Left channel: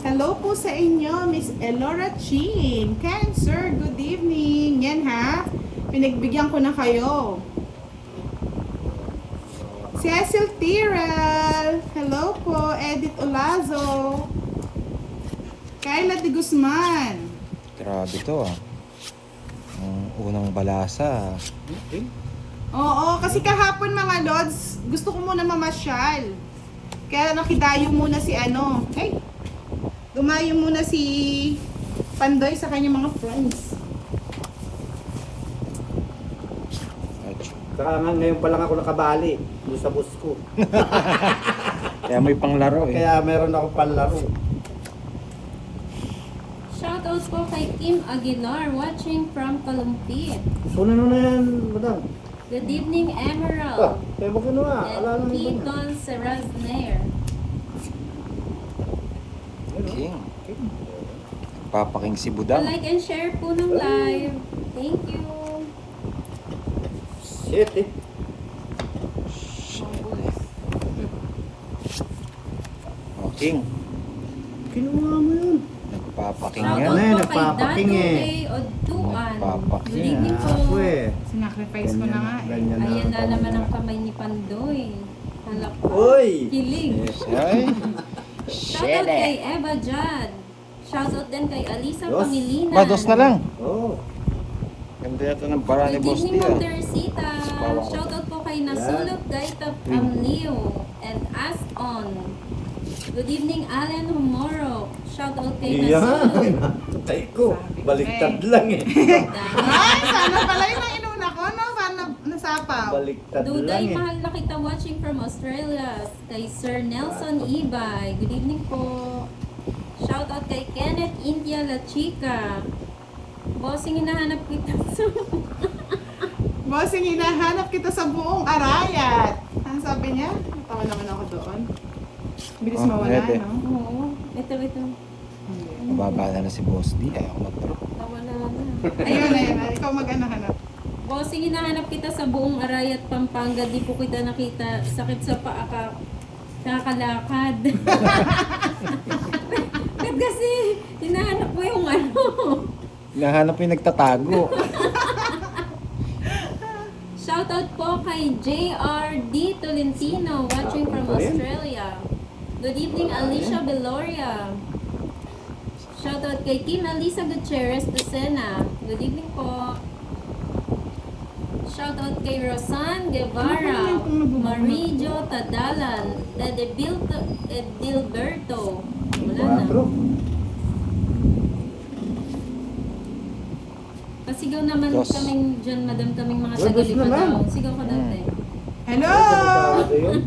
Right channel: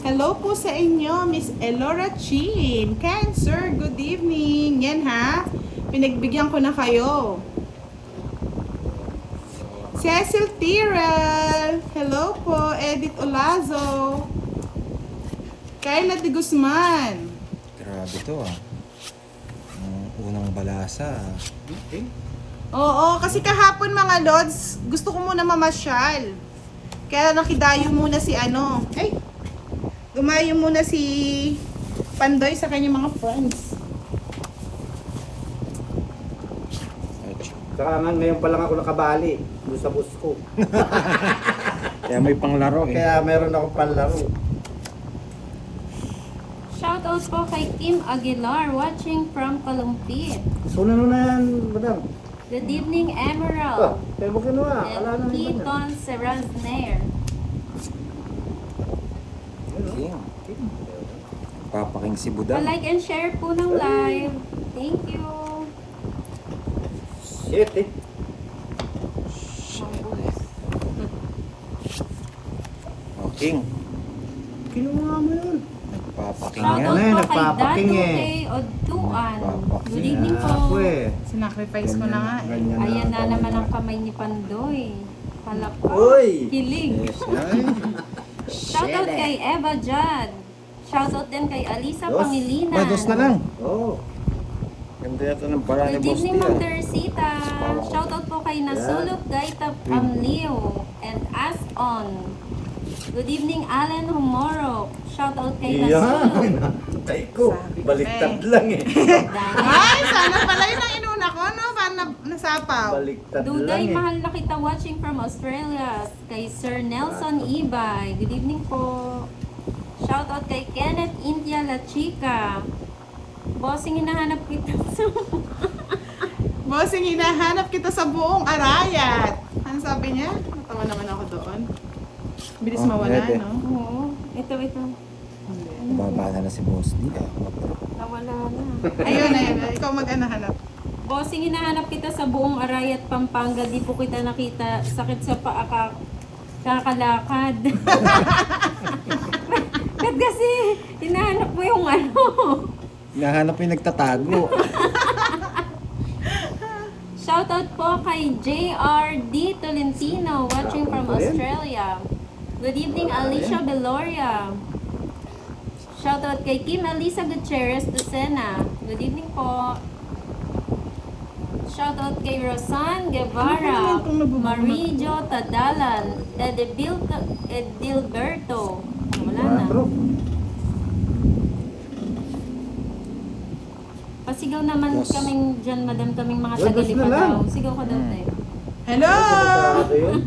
Hello po sa inyo, Miss Elora Chin. Cancer, good evening. Yan ha, pinagbigyan ko na kayo. Cecil Tiral. Hello po, Edith Olazo. Kayla de Guzman. Grabe to ah. Ang unang balasa. Oo, kasi kahapon mga Lods, gusto ko muna mamasyal. Kaya nakidayo muna si dumayo muna si Pandoy sa kanyang mga friends. Saka nga ngayon pa lang ako nakabali doon sa bus ko. Kaya may panglaro eh. Kaya meron akong panlaro. Shoutout po kay Kim Aguilar watching from Palumpit. Una na yan, madam. Good evening, Ah, Emerald. kaya mo kinuha. Ala And nang iba na. Keaton Serrazner. King. Papaking si Budang. Like and share po ng live. Thank you. Shit eh. Oh, King. Kinuha mo yun. Nagpapaking Shoutout nga. Ano po yan, kay nagpapaking Dado eh. Kay Oduan. Nagpapaking. Good evening po. Ako eh. Sinacrifice ko na nga eh. Ganyan Ayan na ganyan naman ang kamay ni Pandoy. Halak pa. Uy! Kilig. Yes, ay. Shoutout kay Eva Jad. Shoutout din kay Alisa Dos. Pangilinan. Ba, dos na lang. Oo. Ganda yata ng bara ni Good Boss evening, Dia. Ma'am Teresita. Bawang ko. Shoutout po kay Nasulot Gaita Amlio and As On. Good evening, Alan Humorok. Shoutout kay Nasulot. Iyan. Tay ko. Baliktad lang eh. Ay, sana pala yun ang inuna ko, no? Paano nasapaw? Baliktad lang Duday, eh. mahal na kita watching from Australia. Kay Sir Nelson Ibay. Good evening po. Shoutout kay Kenneth India La Chica. Bossing, hinahanap kita sa... Bossing, hinahanap kita sa buong arayat. Ano sabi niya? Natawa naman ako doon. Bilis Oh, mawala, pwede. no? Oo. Ito. Nababa na si Boss Dia. Nawala na. Ayun. Ikaw mag-anahanap. Bossing, hinahanap kita sa buong Arayat, Pampanga. Di po kita nakita. Sakit sa paa ka. Kakalakad. Kat kasi, hinahanap mo yung ano. Hinahanap yung nagtatago. Shoutout po kay JRD Tolentino watching from Australia. Good evening, Alicia Beloria. Shoutout kay Kim Alisa Gutierrez Lucena. Good evening po. Shoutout kay Rosan Guevara, Marijo Tadalan, Edilberto. Wala na. Quatro. Pasigaw naman Dos. kaming dyan, madam, kaming mga Dos na tagalipa lang. daw. Sigaw ka dati. Hello! Delikado yun.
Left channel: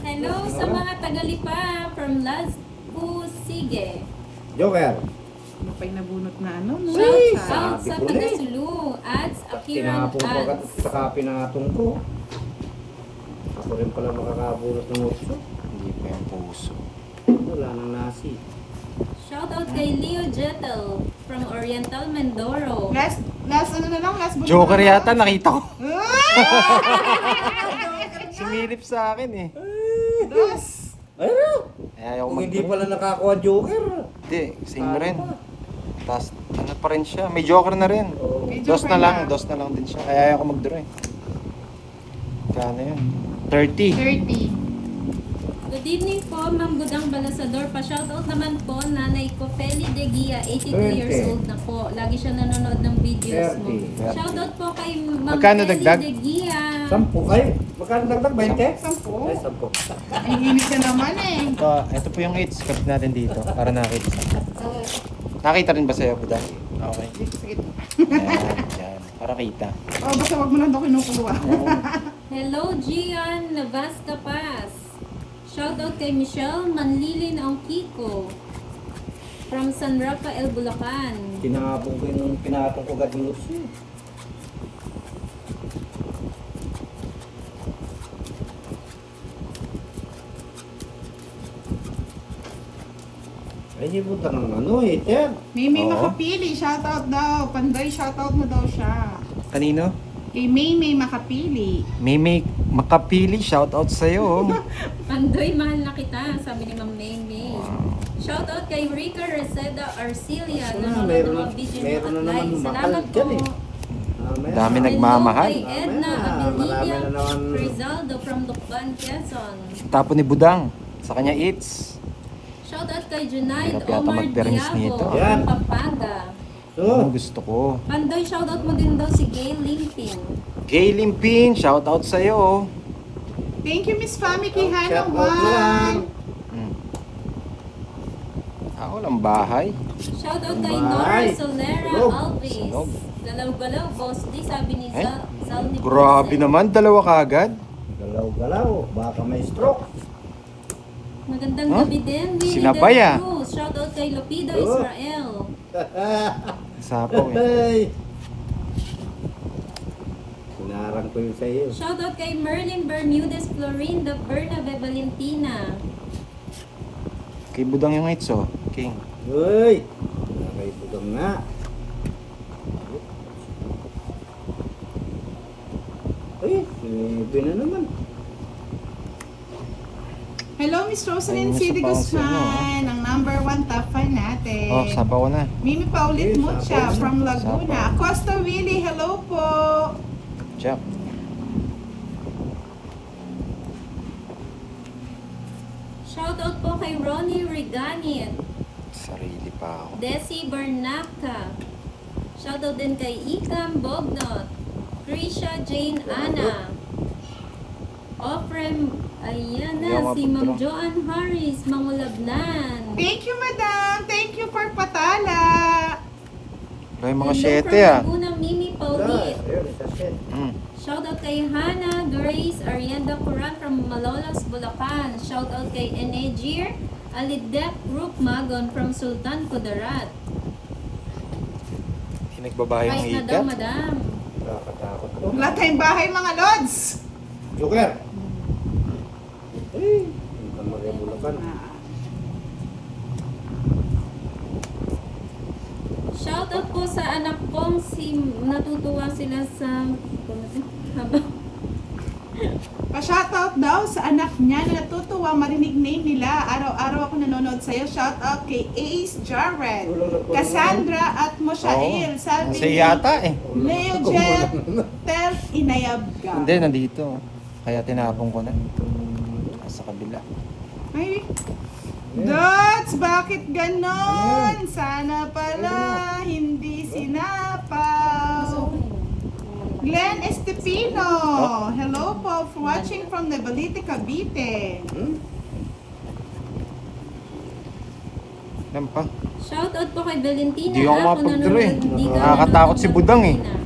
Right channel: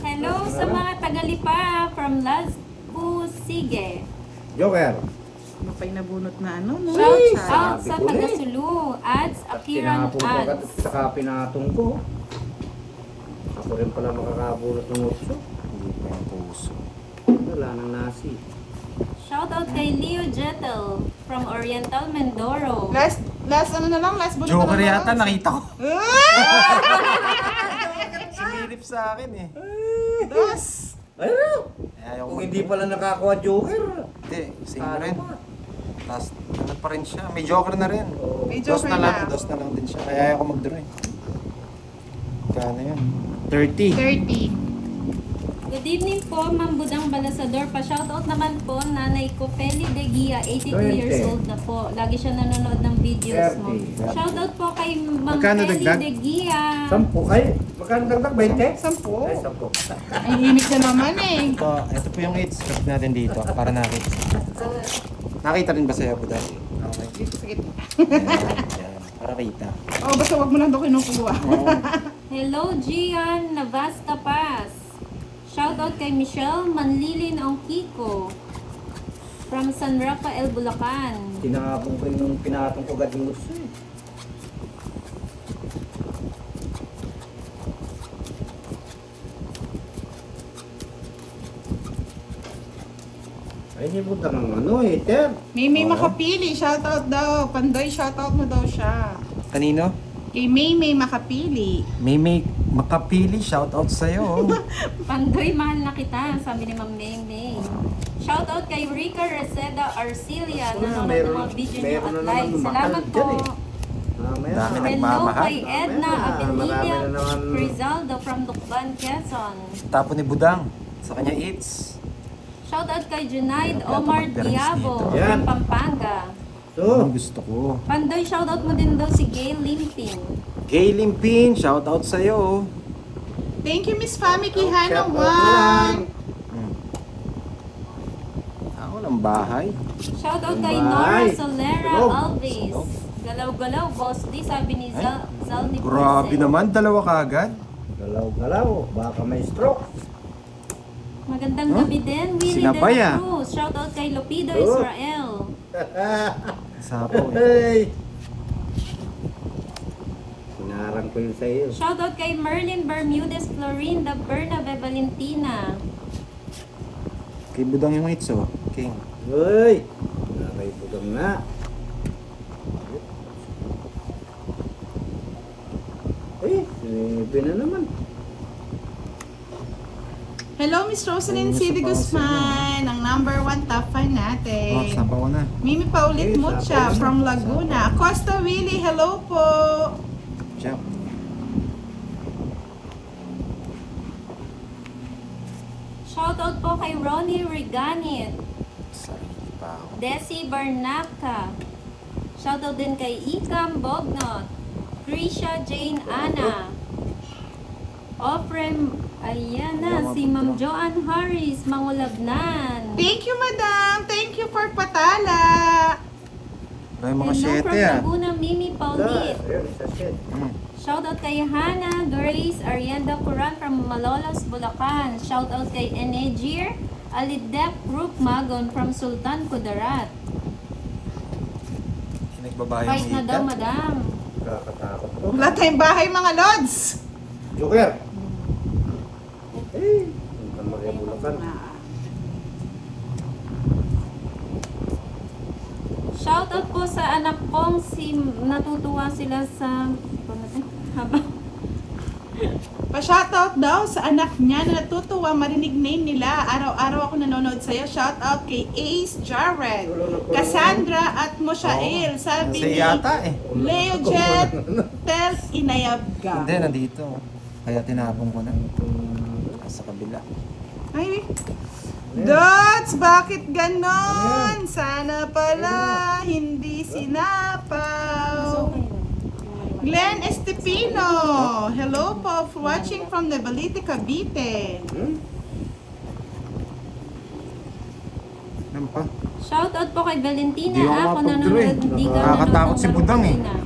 Hello sa mga tagalipa from Las Pusige. Joker. Ano pa'y nabunot na ano, no? Shout Sa- out sa sabi ko na eh. taga-Sulu. Ads, Akiran Tinapon ko agad Ads. saka pinatong ko. Ako rin pala makakabunot ng utso. Hindi pa yung puso. Wala nang nasi. Shout out kay Leo Jetel from Oriental Mindoro. Last ano na lang, last bunot Joker na lang. yata, nakita ko. Ay! Sumilip sa akin eh. Dos! Ayun! Ayaw ko Kung hindi pala nakakuha Joker. Hindi, same Ano rin. pa? Tapos, ano pa rin siya. May Joker na rin. Oo. May Dos joker na lang, dos na lang din siya. Kaya ayaw ko mag-draw eh. Kano yun? 30. 30. Good evening po, Ma'am Budang Balasador. Pa-shoutout naman po, nanay ko, Feli De Gia, 82 years 20. old na po. Lagi siya nanonood ng videos mo. 30. Shoutout po kay Ma'am Magkano Feli dagdag? De Gia. 10. Ay, magkano dagdag? 20? 10. Ay, 10. Ang init na naman eh. Ito po yung 8. Cut natin dito para nakita. Nakita rin ba sa'yo, Budang? Okay. Yan. Para kita. Oh, basta wag mo lang daw kinukuha. Oo. Hello, Gian Navasca Paz. Shoutout kay Michelle Manlilin Ongkiko from San Rafael, Bulacan. Pinatong ko agad yung utso. Ay, hindi mo ano eh, Ter. May Oo. makapili, shoutout daw. Pandoy, shoutout mo daw siya. Kanino? Kay May makapili. May makapili. Shoutout sa'yo. Pandoy, mahal na kita, sabi ni Ma'am May May. Shoutout kay Rica Reseda Arcilia Ah, na meron mga na- video niyo meron at na naman like. Salamat mahal po. dyan eh. Mamaya. Dami Hello nagmamahal. kay Edna Marami Abilidia na naman. Rizaldo from Lukban, Quezon. Tapo ni Budang. Sa kanya eats. Shoutout kay Junaid Sarap yata Omar mag-parents Diago dito. Yan. from Pampanga. So, Ang gusto ko. Pandoy, shoutout mo din daw si Gail Limpin. Gay Limpin, shout out sa'yo. Thank you, Miss Fami Kihana shout out lang. 1. Ako ng bahay. Shoutout kay Bye. Nora Solera Oh. Alves. Oh. Galaw-galaw, boss. Di sabi ni Eh, Zal ni Grabe Jose. naman, dalawa kagad. Galaw-galaw. Baka may stroke. Magandang Huh? gabi din, Winnie Sinabay, de la ah. Cruz. Shoutout kay Lupido Oh. Israel. Sapaw eh. Hey. Sinarang ko yung sa'yo. Shoutout kay Merlin Bermudez Florinda Bernabe Valentina. Kay Budang yung eats oh. King. Uy! Nakay budang nga. Eh, sinibi na naman. Hello, Miss Ayun, Rosalyn sa City pause Guzman, ang number 1 top fan natin. Oh, sapaw na. Mimi Paulit Hey, Mucha sapaw na. from Laguna. Sapaw. Costa Willie, hello po. Jack. Shoutout po kay Ronnie Reganit. Sarili pa. Desi Barnapka. Shoutout din kay Ikam Bognot. Krisha Jane Ana. Ofrem, ayan na, si Ma'am Joanne Harris, Mangulabnan. Thank you, madam. Thank you for patala. May mga Hello siyete from ah. Laguna, Mimi Paulit. Ayun, isa set. Shoutout kay Hannah Grace Arienda Curan from Malolos, Bulacan. Shoutout kay Enegir Alidep Group Magon from Sultan Kudarat. Pinagbabahay yung Kahit na daw, ika. madam. Nakakatakot to. Wala tayong bahay, mga lods. Joker! Eh, punta Maria Bulacan. Shoutout po sa anak kong si natutuwa sila sa habang Pa-shoutout daw sa anak niya na natutuwa marinig name nila. Araw-araw ako nanonood sa'yo. Shoutout kay Ace Jarrett, Cassandra at Moshael. Sabi Kasi ni yata eh. Leo Jet, Telf Inayab ka. Hindi, nandito. Kaya tinapon ko na. Sa kabila. Ay, Dots, bakit ganon? Sana pala hindi sinapaw. Glenn Estepino, hello po for watching from Navalite, Cavite. Yan pa. Shoutout po kay Valentina. Di ako mapag-draw eh. Di ka Nakakatakot si nanonood ng Budang eh. Valentina.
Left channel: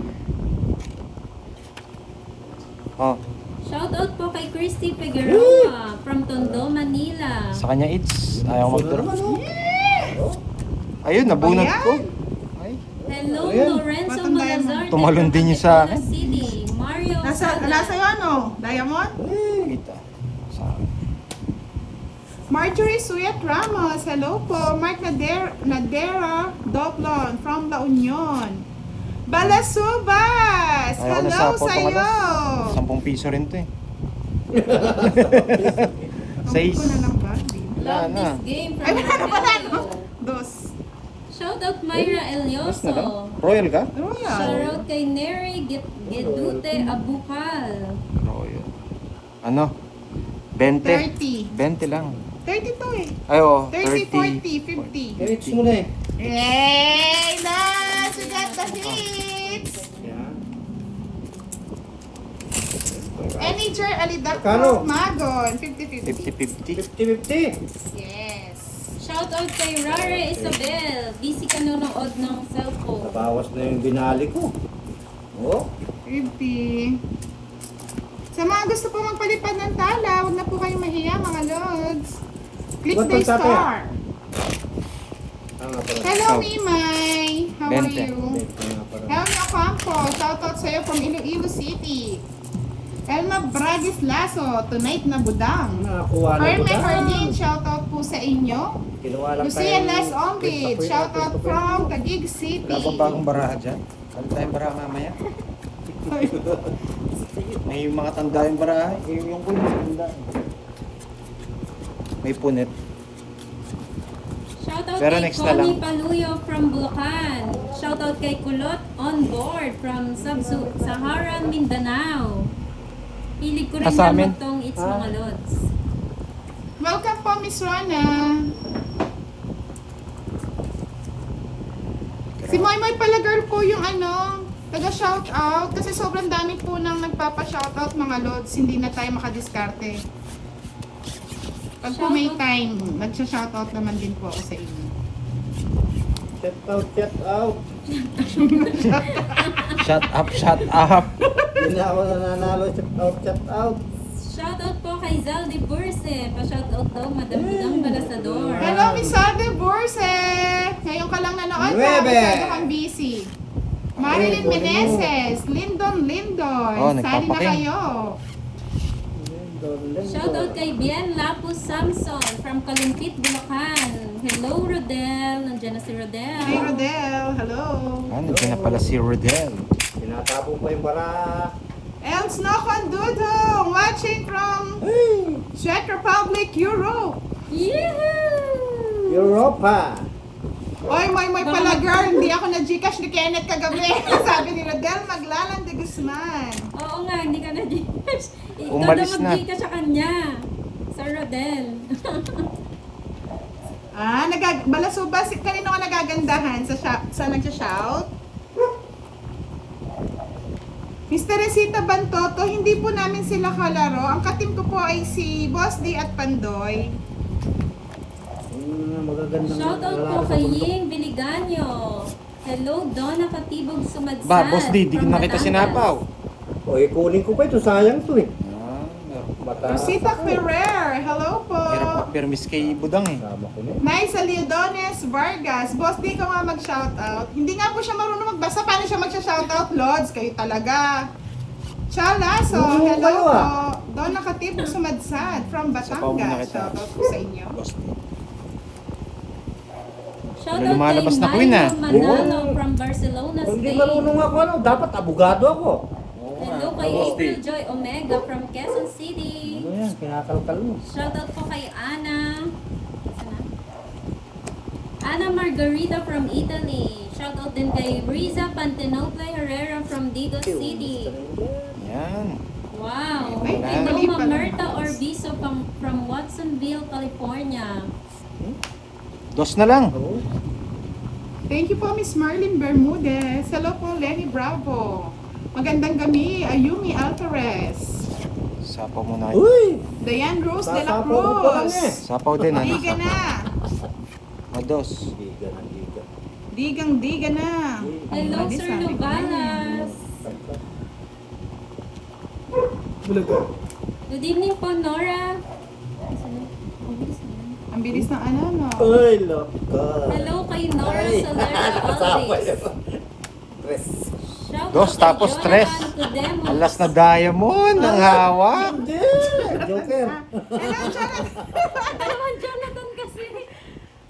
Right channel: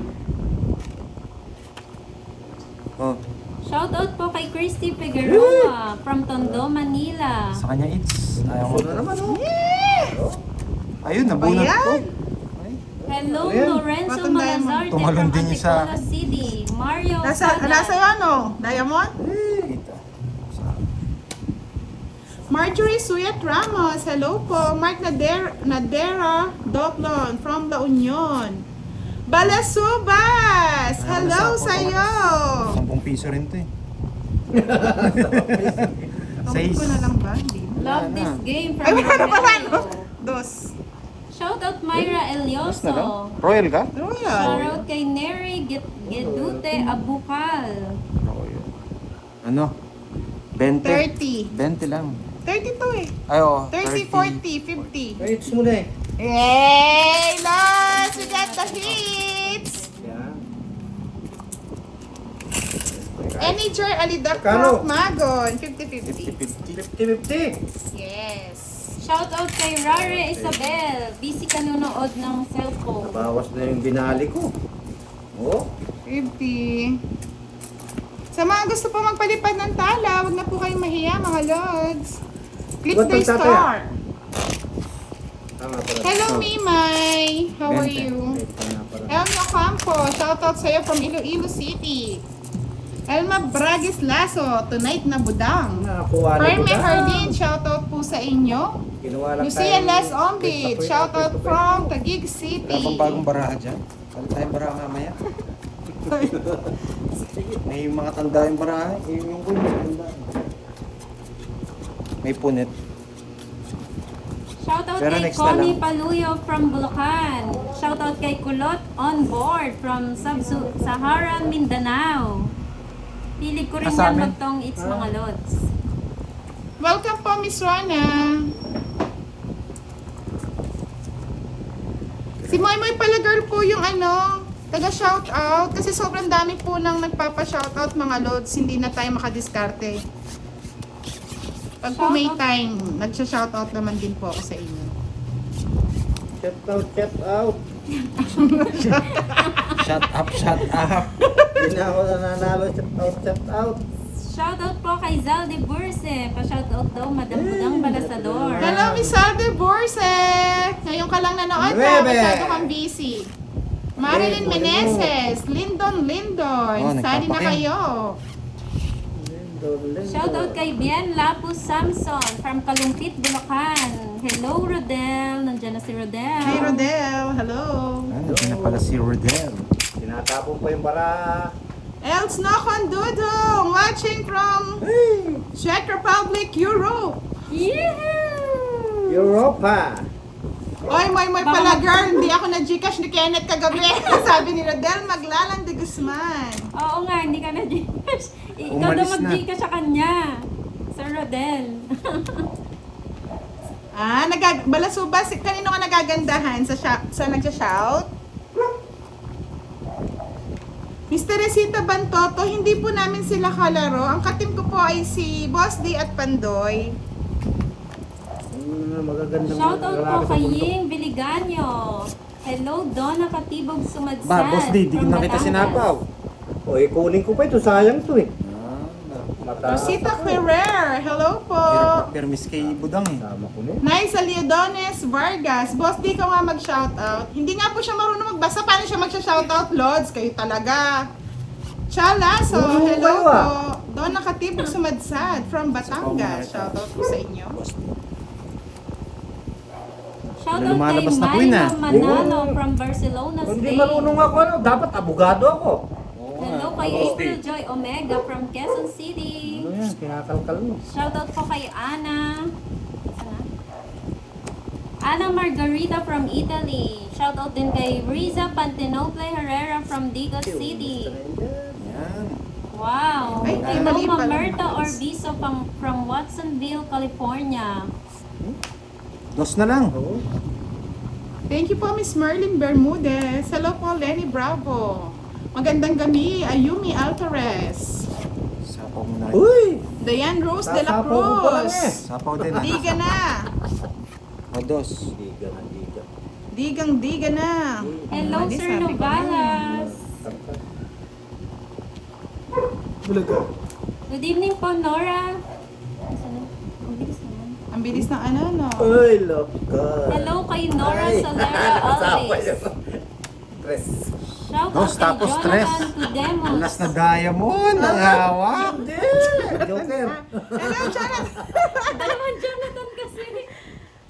Oh, Shoutout po kay Christy Figueroa from Tondo, Manila. sa kanya eats. Ayaw ko Ito na naman, oh. Ayun, nabunot ko. Ayan. Ay, Hello, Ayan. Lorenzo Batang Malazarte Tumalon from din niya sa Antipolo akin. City. Mario Nasa Sada. ano? Diamond? Kita. Marjorie Suyat Ramos, hello po. Mark Nadera Doclon from La Union. Balasubas, Ayaw ko hello na sapaw sa'yo. 10 piso rin to eh. Tungkol ko na lang ba? Love Wala this game from Ay, wala pa Mario. no? Dos. Shoutout Myra Tapos na lang. Elioso. Royal ka? Luya. Shoutout kay Neri Gedute Abukal. Oo, yun. Ano? 20. 30. 20 lang. 32 eh. Ay, oo. 30, 40, 50. Hits mo na eh. Hey, nice! We got the hits! Yan. Eniger Alidak Magkano? Magon, 50-50. 50-50. Yes. Shoutout kay Rare Isabel. Busy ka nanonood ng cellphone. Nabawas na yung binali ko. Oh. 50. Sa mga gusto po magpalipad ng tala, huwag na po kayong mahiya mga lods. Click Ba't the ang tatay, star. Tama pala. Hello, Oh. Mimay. How are 20. you? Tama pala. Elma Campo, shoutout sa'yo from Iloilo City. Elma Bragis Lasso, tonight na budang. Nakakuha na Carmen ko na. Hardin, shoutout po sa inyo. Ginawa lang Lucia Las Ombid, shoutout from Taguig City. Wala bang bagong baraha dyan? Salit tayong baraha mamaya. May mga tanda yung baraha. Yung kuya, tanda. May punit. Shoutout Pero kay next na Connie lang. Paluyo from Bulacan. Shoutout kay Kulot on board from Sub-Saharan Mindanao. Pilig ko rin Sa na amin? magtong It's Mga Lods. Welcome po, Miss Rona. Si Moy Moy pala girl po yung taga-shoutout. Kasi sobrang dami po nang nagpapa-shoutout mga lods. Hindi na tayo makadiskarte. Pag po may time, nagsha-shoutout naman din po ako sa inyo. Chat out, chat out. Shut up, shut up. Hindi na ako nananalo, chat out, chat out. Shoutout po kay Zaldi Burse. Pa-shoutout daw, Madam Budang Balasador. Hello, Miss Ade Borse! Ngayon ka lang nanood na. Nuebe! Masyado kang busy. Marilyn Meneses, Lindon Lindoy. Oh, Sali na nagpapaking. kayo. Shoutout kay Bien Lapus Samson from Kalumpit, Bulacan. Hello, Rodel. Nandiyan na si Rodel. Hey, Rodel. Hello. Nandiyan na pala si Rodel. Tinatapon pa yung bara. Els Nokondudong, watching from Czech Republic, Europe. Yehoo! Europa. Oy, Moy pala girl, hindi ako na-Gcash ni Kenneth kagabi. Sabi ni Rodel, maglalang de Guzman. Oo nga, hindi ka na Gcash. Ikaw Umalis daw na. mag-Gcash sa kanya. Sir Rodel. Balasuba, kanino ka nagagandahan sa nagsha-shout? Mr. Resita Bantoto, hindi po namin sila kalaro. Ang katim ko po ay si Boss D at Pandoy. Magagandang Shoutout po lalaki sa kay bundok. Ying Biliganyo. Hello, Donna Katibog Sumadsad. Ba, Boss D, di from na kita Batangas. sinapaw. O, kunin ko pa ito. Sayang to eh. Mata. Rosita Ferrer, hello po. Hirap magpermis kay Budang eh. Tama ko na. Nice Aliodones Vargas. Boss D ko nga mag-shoutout. Hindi nga po siya marunong magbasa. Paano siya mag-shoutout, Lods? Kayo talaga. Chalaso, Oo, hello kayo, po. Doon nakatibok sumadsad from Sapaw muna Batangas. kita. Shoutout po sa inyo. Boss D. Shoutout Lumalabas kay na queen, ah. Milo Manalo from Barcelona, Kung di Spain. marunong ako, dapat abogado ako. Oo Hello nga, kay Boss D. April Joy Omega from Quezon City. Ano yan? Kinakalkal mo. Shoutout po kay Ana. Sana? Ana Margarita from Italy. Shoutout din kay Riza Pantenople Herrera from Digo City. Yan. Wow. Ay, Hello, mali pala. Mamerta Orbizo from Watsonville, California. Dos na lang. Oo. Thank you po, Miss Marlene Bermudez. Hello po, Lenny Bravo. Magandang gabi, Ayumi Alvarez. Sapaw muna kayo. Uy! Diane Rose de la Sasapaw ko pa lang eh. Cruz. Sapaw din ah. Diga na. O dos. Diga na, diga. Diga na. Hello, Ano, Sir sabi ko Novalas. Bulaga. Good evening po, Nora. Ang bilis ng no? Uy, love ka. Hello kay Nora Ay, Solera kasama Alves. yun. Tres. Shoutout Dos, kay tapos Jonathan tres. Cudemo. Alas na diamond. Ang hawak. Hindi! Joker. Hello, Jonathan. Dalawang Jonathan kasi.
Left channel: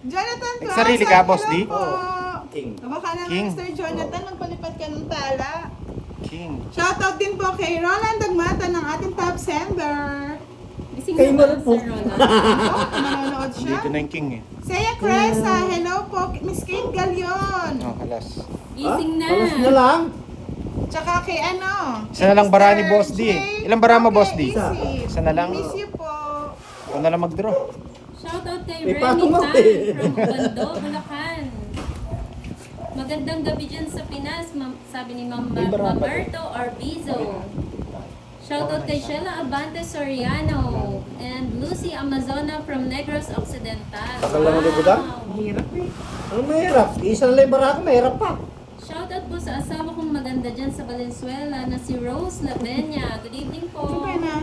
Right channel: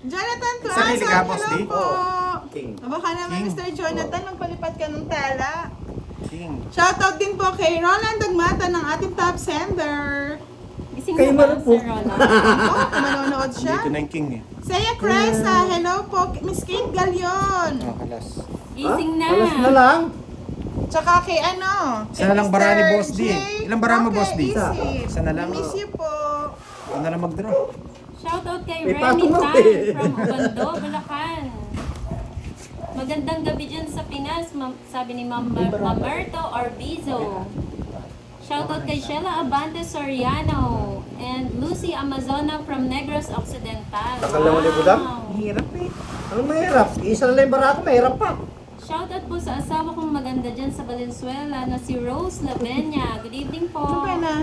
Jonathan May Plaza. sarili ka, Boss hello D? po. King. Baka naman, King. Mr. Jonathan, magpalipad ka ng tala. King. Shoutout din po kay Roland Dagmata ng ating top sender. Gising Kay na ba, Marupok. Sir Roland? Oh, manonood siya. Dito na yung king eh. Saya Cresa, hello po, Miss Kate Galion. Oh, kalas. Gising na. Alas na lang. Tsaka kay Isa na lang bara ni Mr. Boss D. J. Ilang bara mo, Roque Boss D? Isip. Isa na lang. Miss you po. Ikaw na lang mag-draw. Shoutout kay May Remy patong ako Tan eh. from Ubando, Bulacan. Magandang gabi dyan sa Pinas, sabi ni Mamerto Orbizo. Shoutout kay Sheila Abante Soriano and Lucy Amazona from Negros Occidental. Tagal naman ni Budang. Hirap eh. Ano mahirap? Isa na lang yung bara ko, mahirap pa. Shoutout po sa asawa kong maganda dyan sa Valenzuela na si Rose Lavenia. Good evening po. Ano ka na?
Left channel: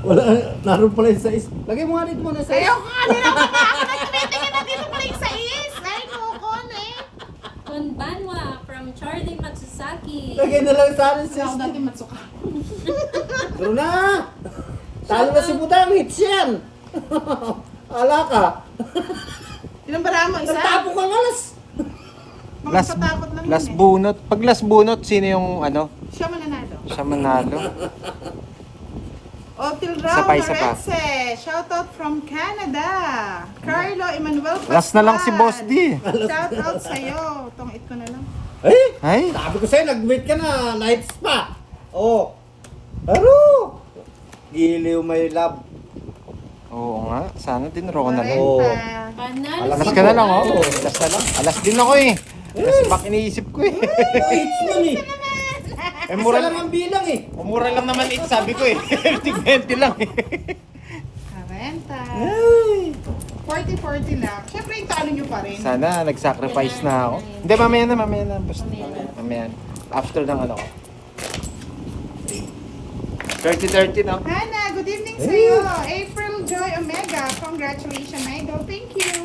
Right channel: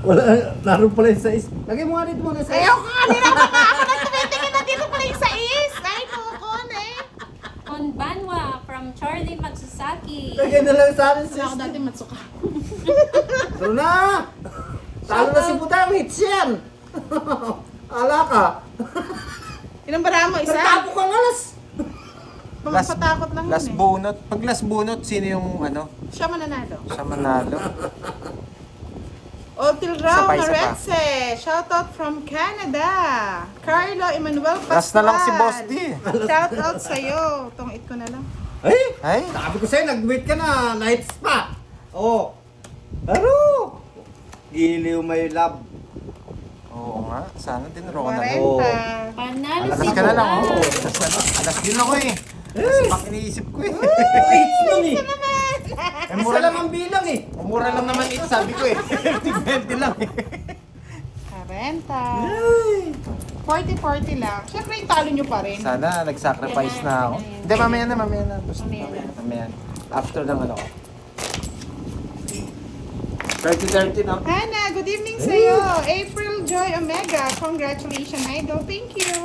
Wala, naroon pala yung sais. Lagay mo nga dito muna sa Ayaw ko kanina pa nga ako na tumitingin na dito pala yung sais. Ay, kukun eh. Konbanwa from Charlie Matsusaki. Lagay na lang sa akin, Kasi sis. ako dati matsuka. Pero na! Talo na si Budang, hits yan! Ala ka! Ilang bara mo? Isa? Nagtapo kang alas! Mga patakot lang last yun eh. bunot. Pag last bunot, sino yung ano? Siya mananalo. Siya manalo. Otil Rao Isa pa, isa pa. Noretse, shoutout from Canada. Carlo Manuel Pascual. Last na lang si Boss D. Shout out sa'yo. Tungit ko na lang. Ay! Ay, Sabi ko sa'yo, nag-wait ka na. Night spa. Oh. Pero, giliw may love. oo nga. Sana din ro na. 40. Oo. Panalo Alas si Alas ka na lang, Budan. oo. Alas na lang. Alas din ako eh. Alas pak iniisip ko eh. Wait yun eh. Eh, Isa mura lang ang bilang eh. Mura lang naman it, sabi ko eh. 20 lang eh. 40. Ay. 40 lang. Siyempre, italo nyo pa rin. Sana nag-sacrifice na ako. Hindi, mamaya na. Basta. Mamaya. After ng ano. 30-30 na. Hana, good evening sa'yo. April Joy Omega. Congratulations, idol. Thank you.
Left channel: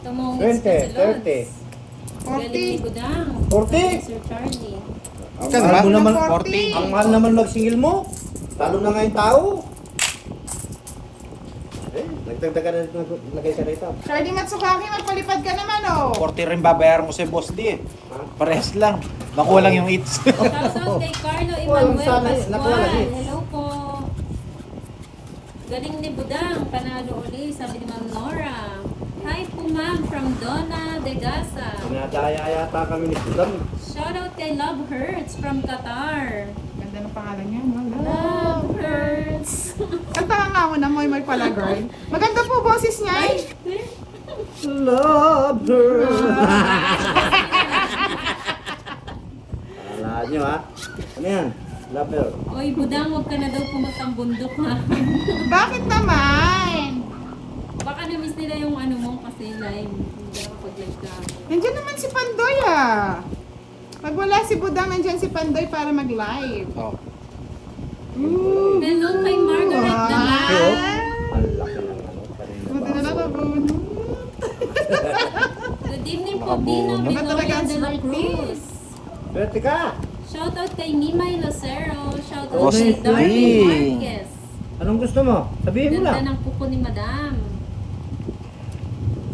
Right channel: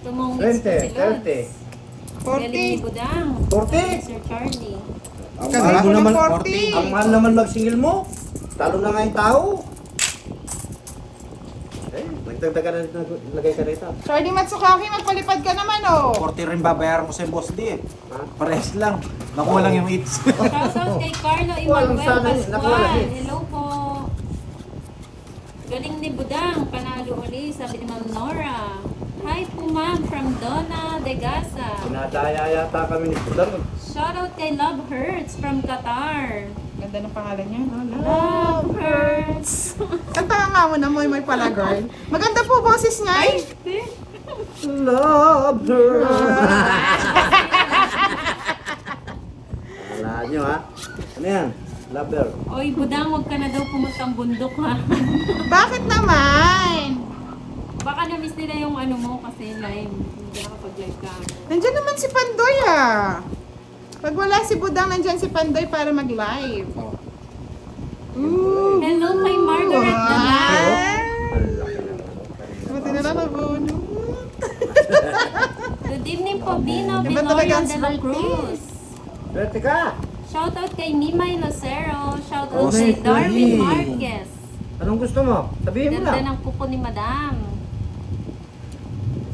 Tumungis 20, pa si Lods. 30. Galing ni 40. Budang. 40. Sir Charlie. Ang Ika, mahal mo diba? naman, 40. ang mahal naman magsingil mo. Talo na nga yung tao. Eh, nagtagdagan na lagay ka rito. Charlie Matsukaki, magpalipad ka naman, oh. 40 rin babayaran ko sa boss di eh. Parehas lang. Nakuha lang yung eats. Shoutout kay Carlo Walang Emmanuel sana yun. Nakuha lang Pascual. yun. Hello po. Galing ni Budang. Panalo uli, sabi ni Ma'am Nora. Hi po ma'am from Donna de Gaza. Dinadaya yata kami ni Budang. Shoutout kay Love Hurts from Qatar. Ganda ng pangalan niya, no? Love Hurts. Kanta nga mo na mo yung may palagard. Maganda po boses niya. Ay, Love her. Wala nyo ha. Ano yan? Love her. Oy Budang, huwag ka na daw pumuntang bundok ha. bakit naman? Baka na-miss nila yung ano mo kasi live. Hindi ako pag-live ka. Nandiyan naman si Pandoy, ah. Pag wala si Budang, nandiyan si Pandoy para mag-live. Oh. Ooh. Hello kay Margaret Dalal. Ang laki ng ano. Pati na Buti na lang baso. nabuno. Good evening po, Dino Naman talaga Binoya ang de la snipe. Cruz. Pwede ka. Shoutout kay Mimay Lucero. Shoutout Okay, kay Darwin Darwin. Marquez. Anong gusto mo? Sabihin mo Ganda lang. ng kuko ni Madam.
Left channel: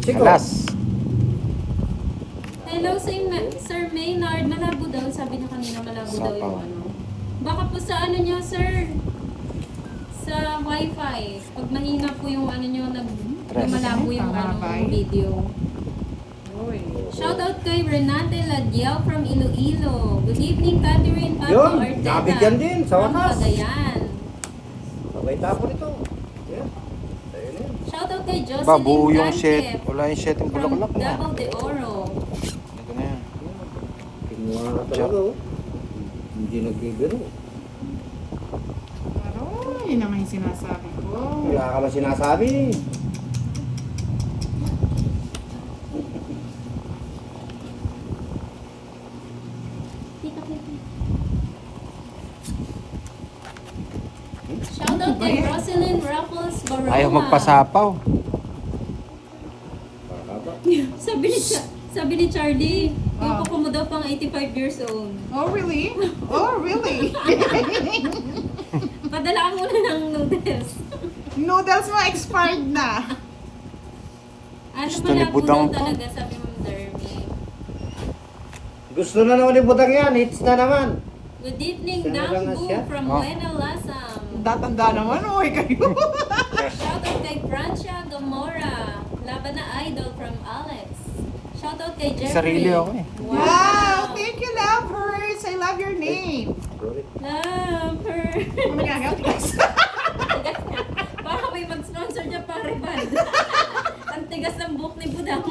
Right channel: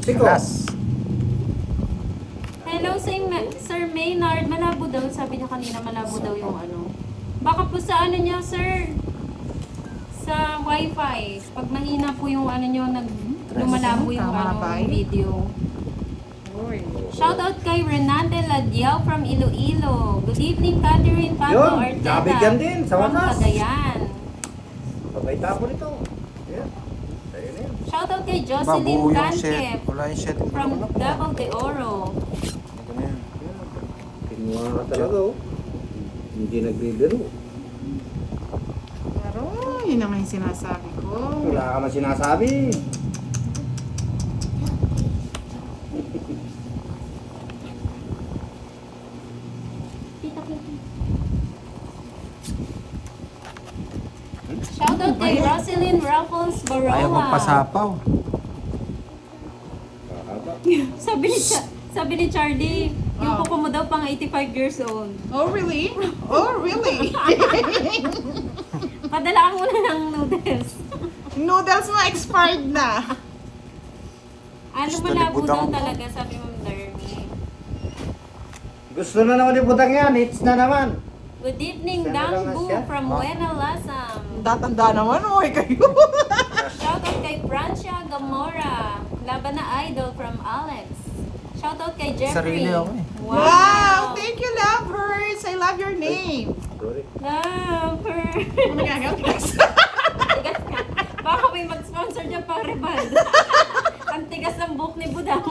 Siko. Alas. Hello Sir Maynard. Malabo daw. Sabi niya kanina malabo daw yung ano. Baka po sa ano niyo, sir? Sa wifi. Pag mahina po yung ano niyo, malabo yung Tama ano, ba? yung video. Uy. Shoutout kay Renate Ladiao from Iloilo. Good evening, Catherine Pablo Yun, Arteta. nabigyan din sa from wakas. Cagayan. Labay tapo nito. Yan. Ayun yan. Shoutout kay Babuo Jocelyn yung Canque set. Wala yung set yung from bulaklak na. Davao de Oro. Ito na yan. Kinuha ka talaga oh. Hindi nagbibiro. Pero, yun naman yung sinasabi ko. Wala ka man sinasabi. Tita Pipi. Shoutout kay Roselyn Raffles Baroma. Ayaw magpasapaw. Pakaba. Sabi ni Charlie, yung Ah. kuko mo daw pang 85 years old. Oh, really? Oh, really? Padalaan mo na ng noodles. Noodles mo expired na. Ano Gusto malabo ni daw Budang. talaga, sabi mo, Darby. Gusto na naman ni Butang yan. Hits na naman. Good evening, Sana lang Dang nga siya. Bu from Buena Lasam. Tatanda naman, uy, kayo. Shoutout kay Francia Gamora. Laban na idol from Alex. Shoutout kay Jeffrey. Sarili ako eh. Wow, thank you, lovers. I love your name. Sorry. Love her. Ano nagagawa, guys? Tigas nga. Baka may mag-sponsor dyan para bad. Ang tigas ng buhok ni Budang.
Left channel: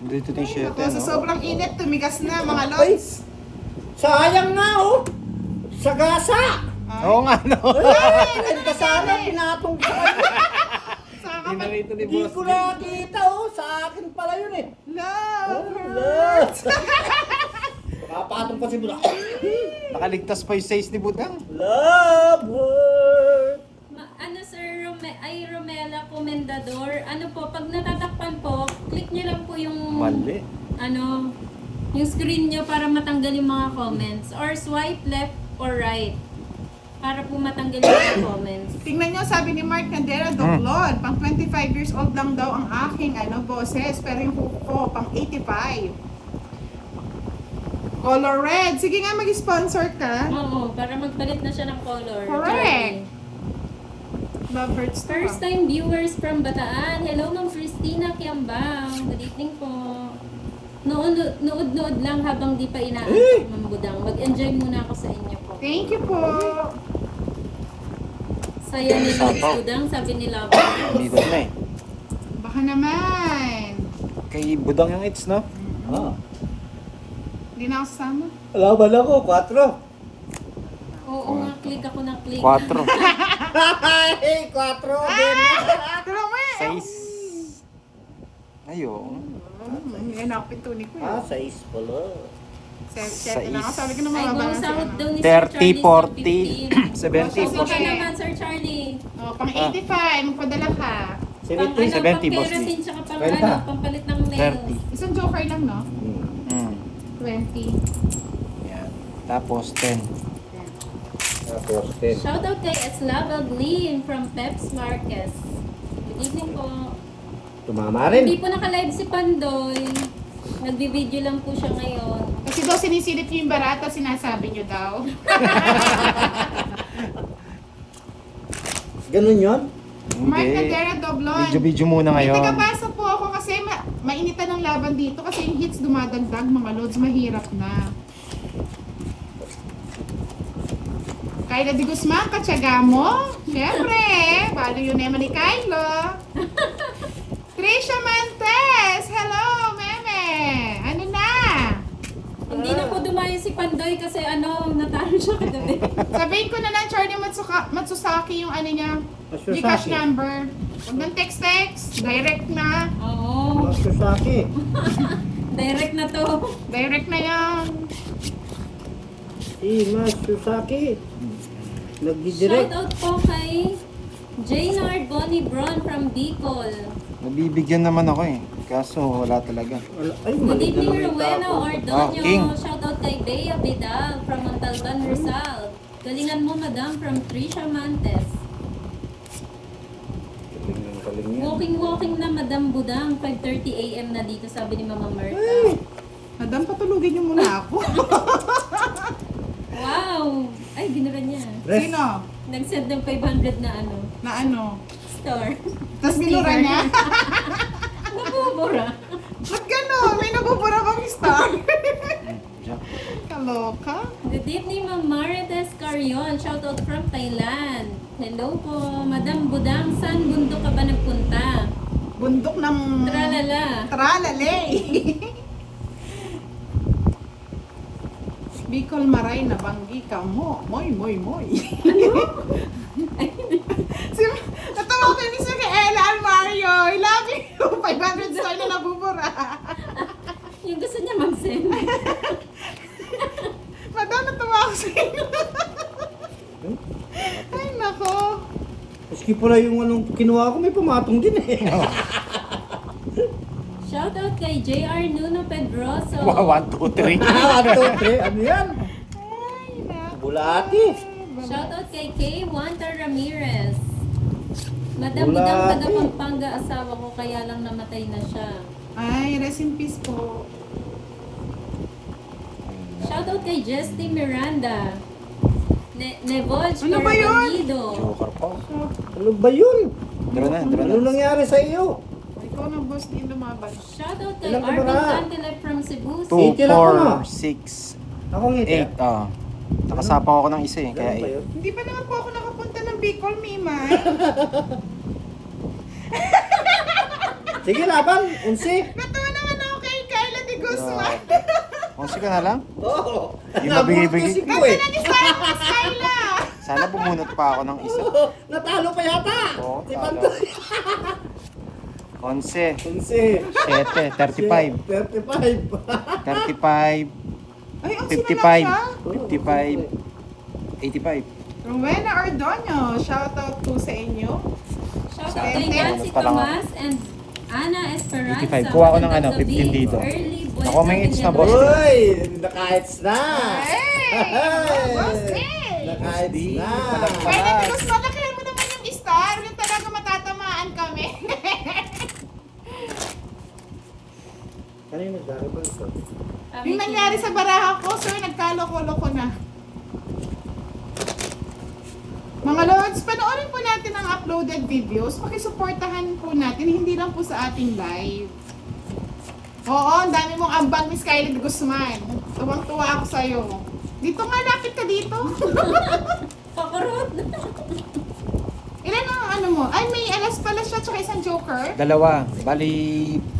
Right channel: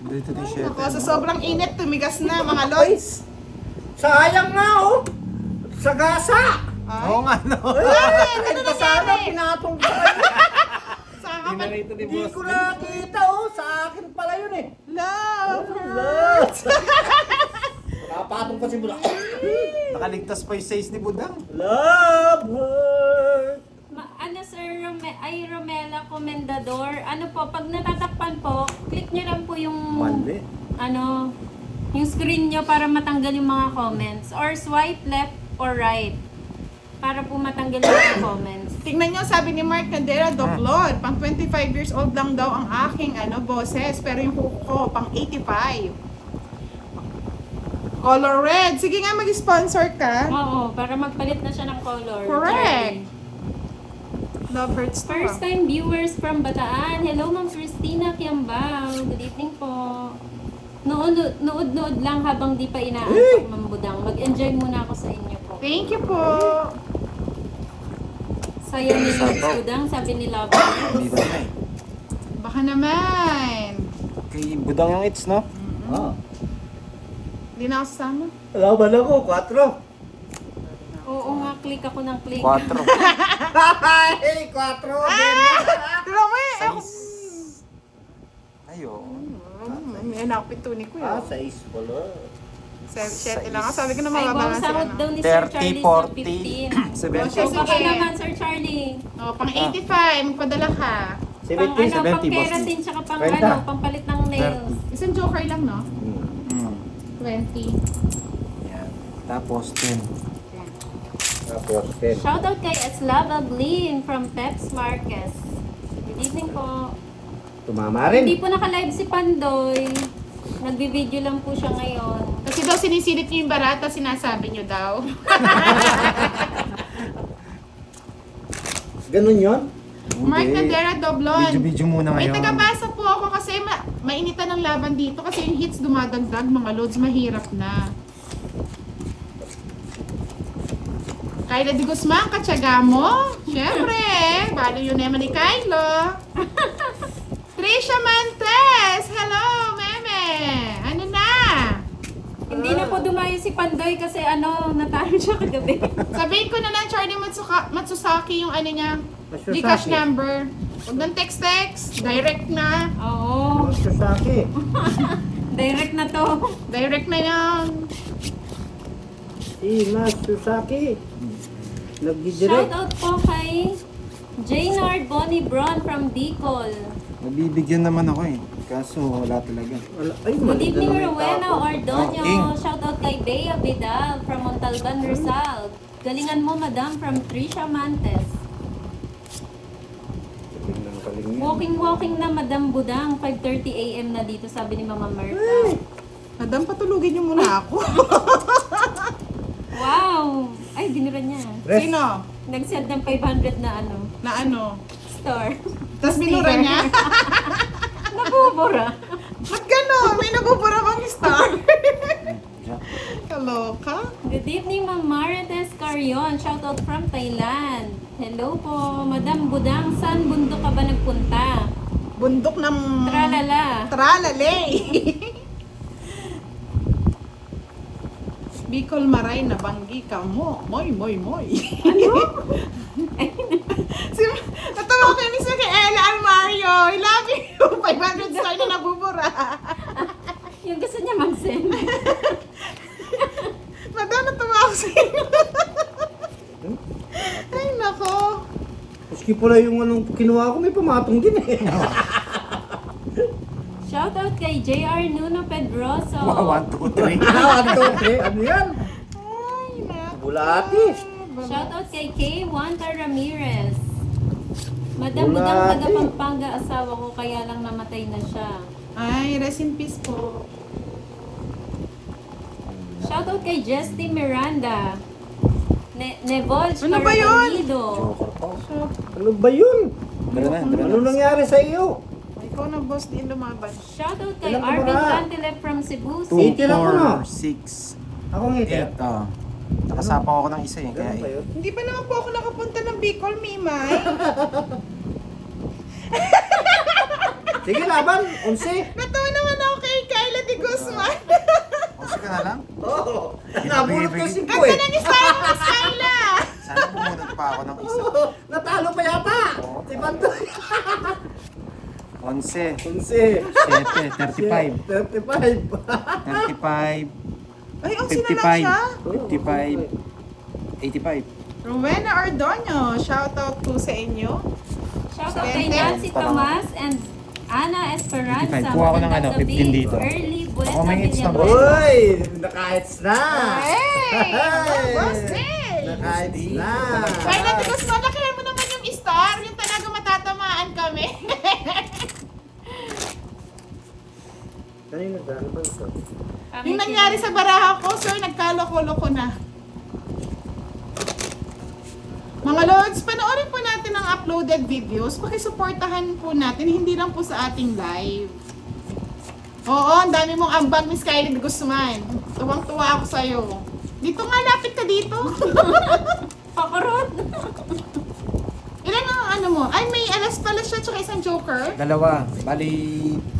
Hindi ito yung set. Sa sobrang init, tumigas na, mga lods. Sayang nga oh. Sa gasa. Oo nga no. Ay, kasama pinatong sa kanya. Hindi na ito ni Hindi boss. ko nakita oh. Sa akin pala yun eh. Love her. Love. Nakapatong ko si Butang. Nakaligtas pa yung size ni Budang. Love her. Ano sir, Romela Comendador. Ano po, pag natatakpan po, click nyo lang po yung Mali. ano, yung screen nyo para matanggal yung mga comments. Or swipe left or right. Para po matanggal yung mga comments. Tingnan nyo, sabi ni Mark Candela, Doglon, pang 25 years old lang daw ang aking boses, pero yung buhok ko, pang 85. Color red. Sige nga, mag-sponsor ka. Oo, para magpalit na siya ng color. Correct. Love hurts to. First time viewers from Bataan. Hello, Ma'am Christina Kiambao. Good evening po. Nood lang habang di pa inaantok, Ma'am Budang. Mag-enjoy muna ako sa inyo po. Thank you po. Saya ni Ma'am Budang, sabi ni Love. Dito na eh. Baka naman. Kay Budang yung hits, no? Ah. Hindi na ako sasama. Laban ako, 4. Oo nga, click ako ng click. 4. Ay, 4 din. Pero may, Ayo. Yan ako pituni ko Ah, yun. 6 pala. Set na ako. Sabi ko na Ay, mababalansin sahod ano. daw ni Sir 30, Charlie sa 40, 15. 70, Oh, Okay okay. naman, Sir Charlie. Oh, pang 85, magpadala ka. 70. Pang ano, 70, pang boss. keratin, tsaka pang Kwenta. ano, pampalit ng nails. 30. Isang joker lang, no? Mm. 20. Yan. Tapos 10. Tapos 10. Shoutout kay Eslava Glyn from Peps Marquez. Good evening po. Tumama Hindi rin. po naka-live si Pandoy. Nagbi-video lang po siya ngayon. Kasi daw sinisilip niyo yung barata, sinasabi niyo daw. Ganun yun? Mark Hindi. Nadera Doblon. Video muna May ngayon. tagapasa po ako kasi mainitan ng laban dito kasi yung hits dumadagdag, mga loads, mahirap na. Kyla de Guzman, katsaga mo? Siyempre, balo yun naman ni Kylo. Trisha Mantes, hello, meme. Ano na? Hindi na po dumayo si Pandoy kasi ano, natalo siya kagabi. Sabihin ko na lang, Charlie Matsusaki, yung ano niya, Matsusaki. Gcash number. Huwag ng text, direct na. Oo, Matsusaki. direct na to. Direct na yan. Si Matsusaki. Nagdi-direct. Shoutout po kay Jaynard Bonnie Bron from Bicol. Nabibigyan naman ako eh. Kaso wala talaga. Ay, Good mali na evening, naman yung Rowena tapo. Ordonio. King. Shoutout kay Bea Vidal from Montalban, Rizal. Galingan mo, madam, from Trisha Mantes. Galing ng galing yan. Walking na, Madam Budang. 5:30 AM na dito, sabi ni Mama Merta. Madam, patulugin niyo muna ako. Wow! Ay, binura niya. Rest. Sino? Nag-set ng 500 na ano, Na ano? store. Tapos binura niya? Nakubura. Ba't gano'n? May nabubura bang star? Diyan. Kaloka? Good evening, Ma'am Marites Carion. Shoutout from Thailand. Hello po. Madam Budang, saan bundok ka ba nagpunta? Bundok ng... Tralala. Tralalay. Bicol Maray na banggi ka mo. Moy. Ano? Natawa ko yung isa kay Ella Almario. I love you. 500 star na nabubura. Yung gusto niya mag-send. Madam, natawa ako sa inyo. Ay, nako. Maski pala yung anong kinuha ko, may pumatong din eh. Shoutout kay JR Nuno Pedroso. 1, 2, 3. 1, 2, 3. Ano yan? Ay, nako. Bulati. Shoutout kay K. Wanta Ramirez. Madam Bulati. Budang, taga Pampanga asawa ko, kaya lang namatay na siya. Ay, rest in peace po. Shoutout kay Jesty Miranda. Nevolj Ano ba yun? Carabinido. Joker po. Ano ba yun? Dara na. Ano nangyari sa iyo? Ikaw na boss, din lumaban. Shoutout kay Ilan ka ba Arvin na? Cantilep from Cebu. 2, Itil ako na. 4, 6, Ako ngiti. 8. Nakasapang ako ng isa eh. Kaya Ganun ba yun? Hindi pa naman po ako nakapunta ng Bicol, Mimay. Sige, laban. 11. Natawa naman ako kay Kyla de Guzman. Onsi ka na lang? Oo. Hindi Nabulot nabibigay. ko si Ganda Boy. ng style mo, Kyla. Sana bumunot pa ako ng isa. Natalo pa yata. Oo, Si talo. Pantoy. 11, 11. 7, 35, 35. 35, Ay, ang sino lang 55, siya? 55, 85. Rowena Ordonio, shoutout po sa inyo. Shoutout Saan? kay Nancy Saan? Tomas and Ana Esperanza. 85. Kuha ko ng ano, Magandang 15 gabi. dito. Early Ako may hits na, boss. Uy! Naka-hits na. Hey! Boss, eh! Naka-hits na. Kyla de Guzman, nakaya mo naman yung star. Yung talaga matatamaan kami. Kanino dahil ba ito? Yung nangyari sa baraha ko, sir, nagkaloko-loko na. Mga lords, panoorin po natin ang uploaded videos, pakisuportahan po natin, hindi lang po sa ating live. Oo, ang dami mong ambag, Miss Kylie Guzman. Tuwang-tuwa ako sa'yo. Dito nga, lapit ka dito. Pakurot. Ilan ang ano mo? Ay, may alas pala siya, tsaka isang joker. Dalawa. Bali,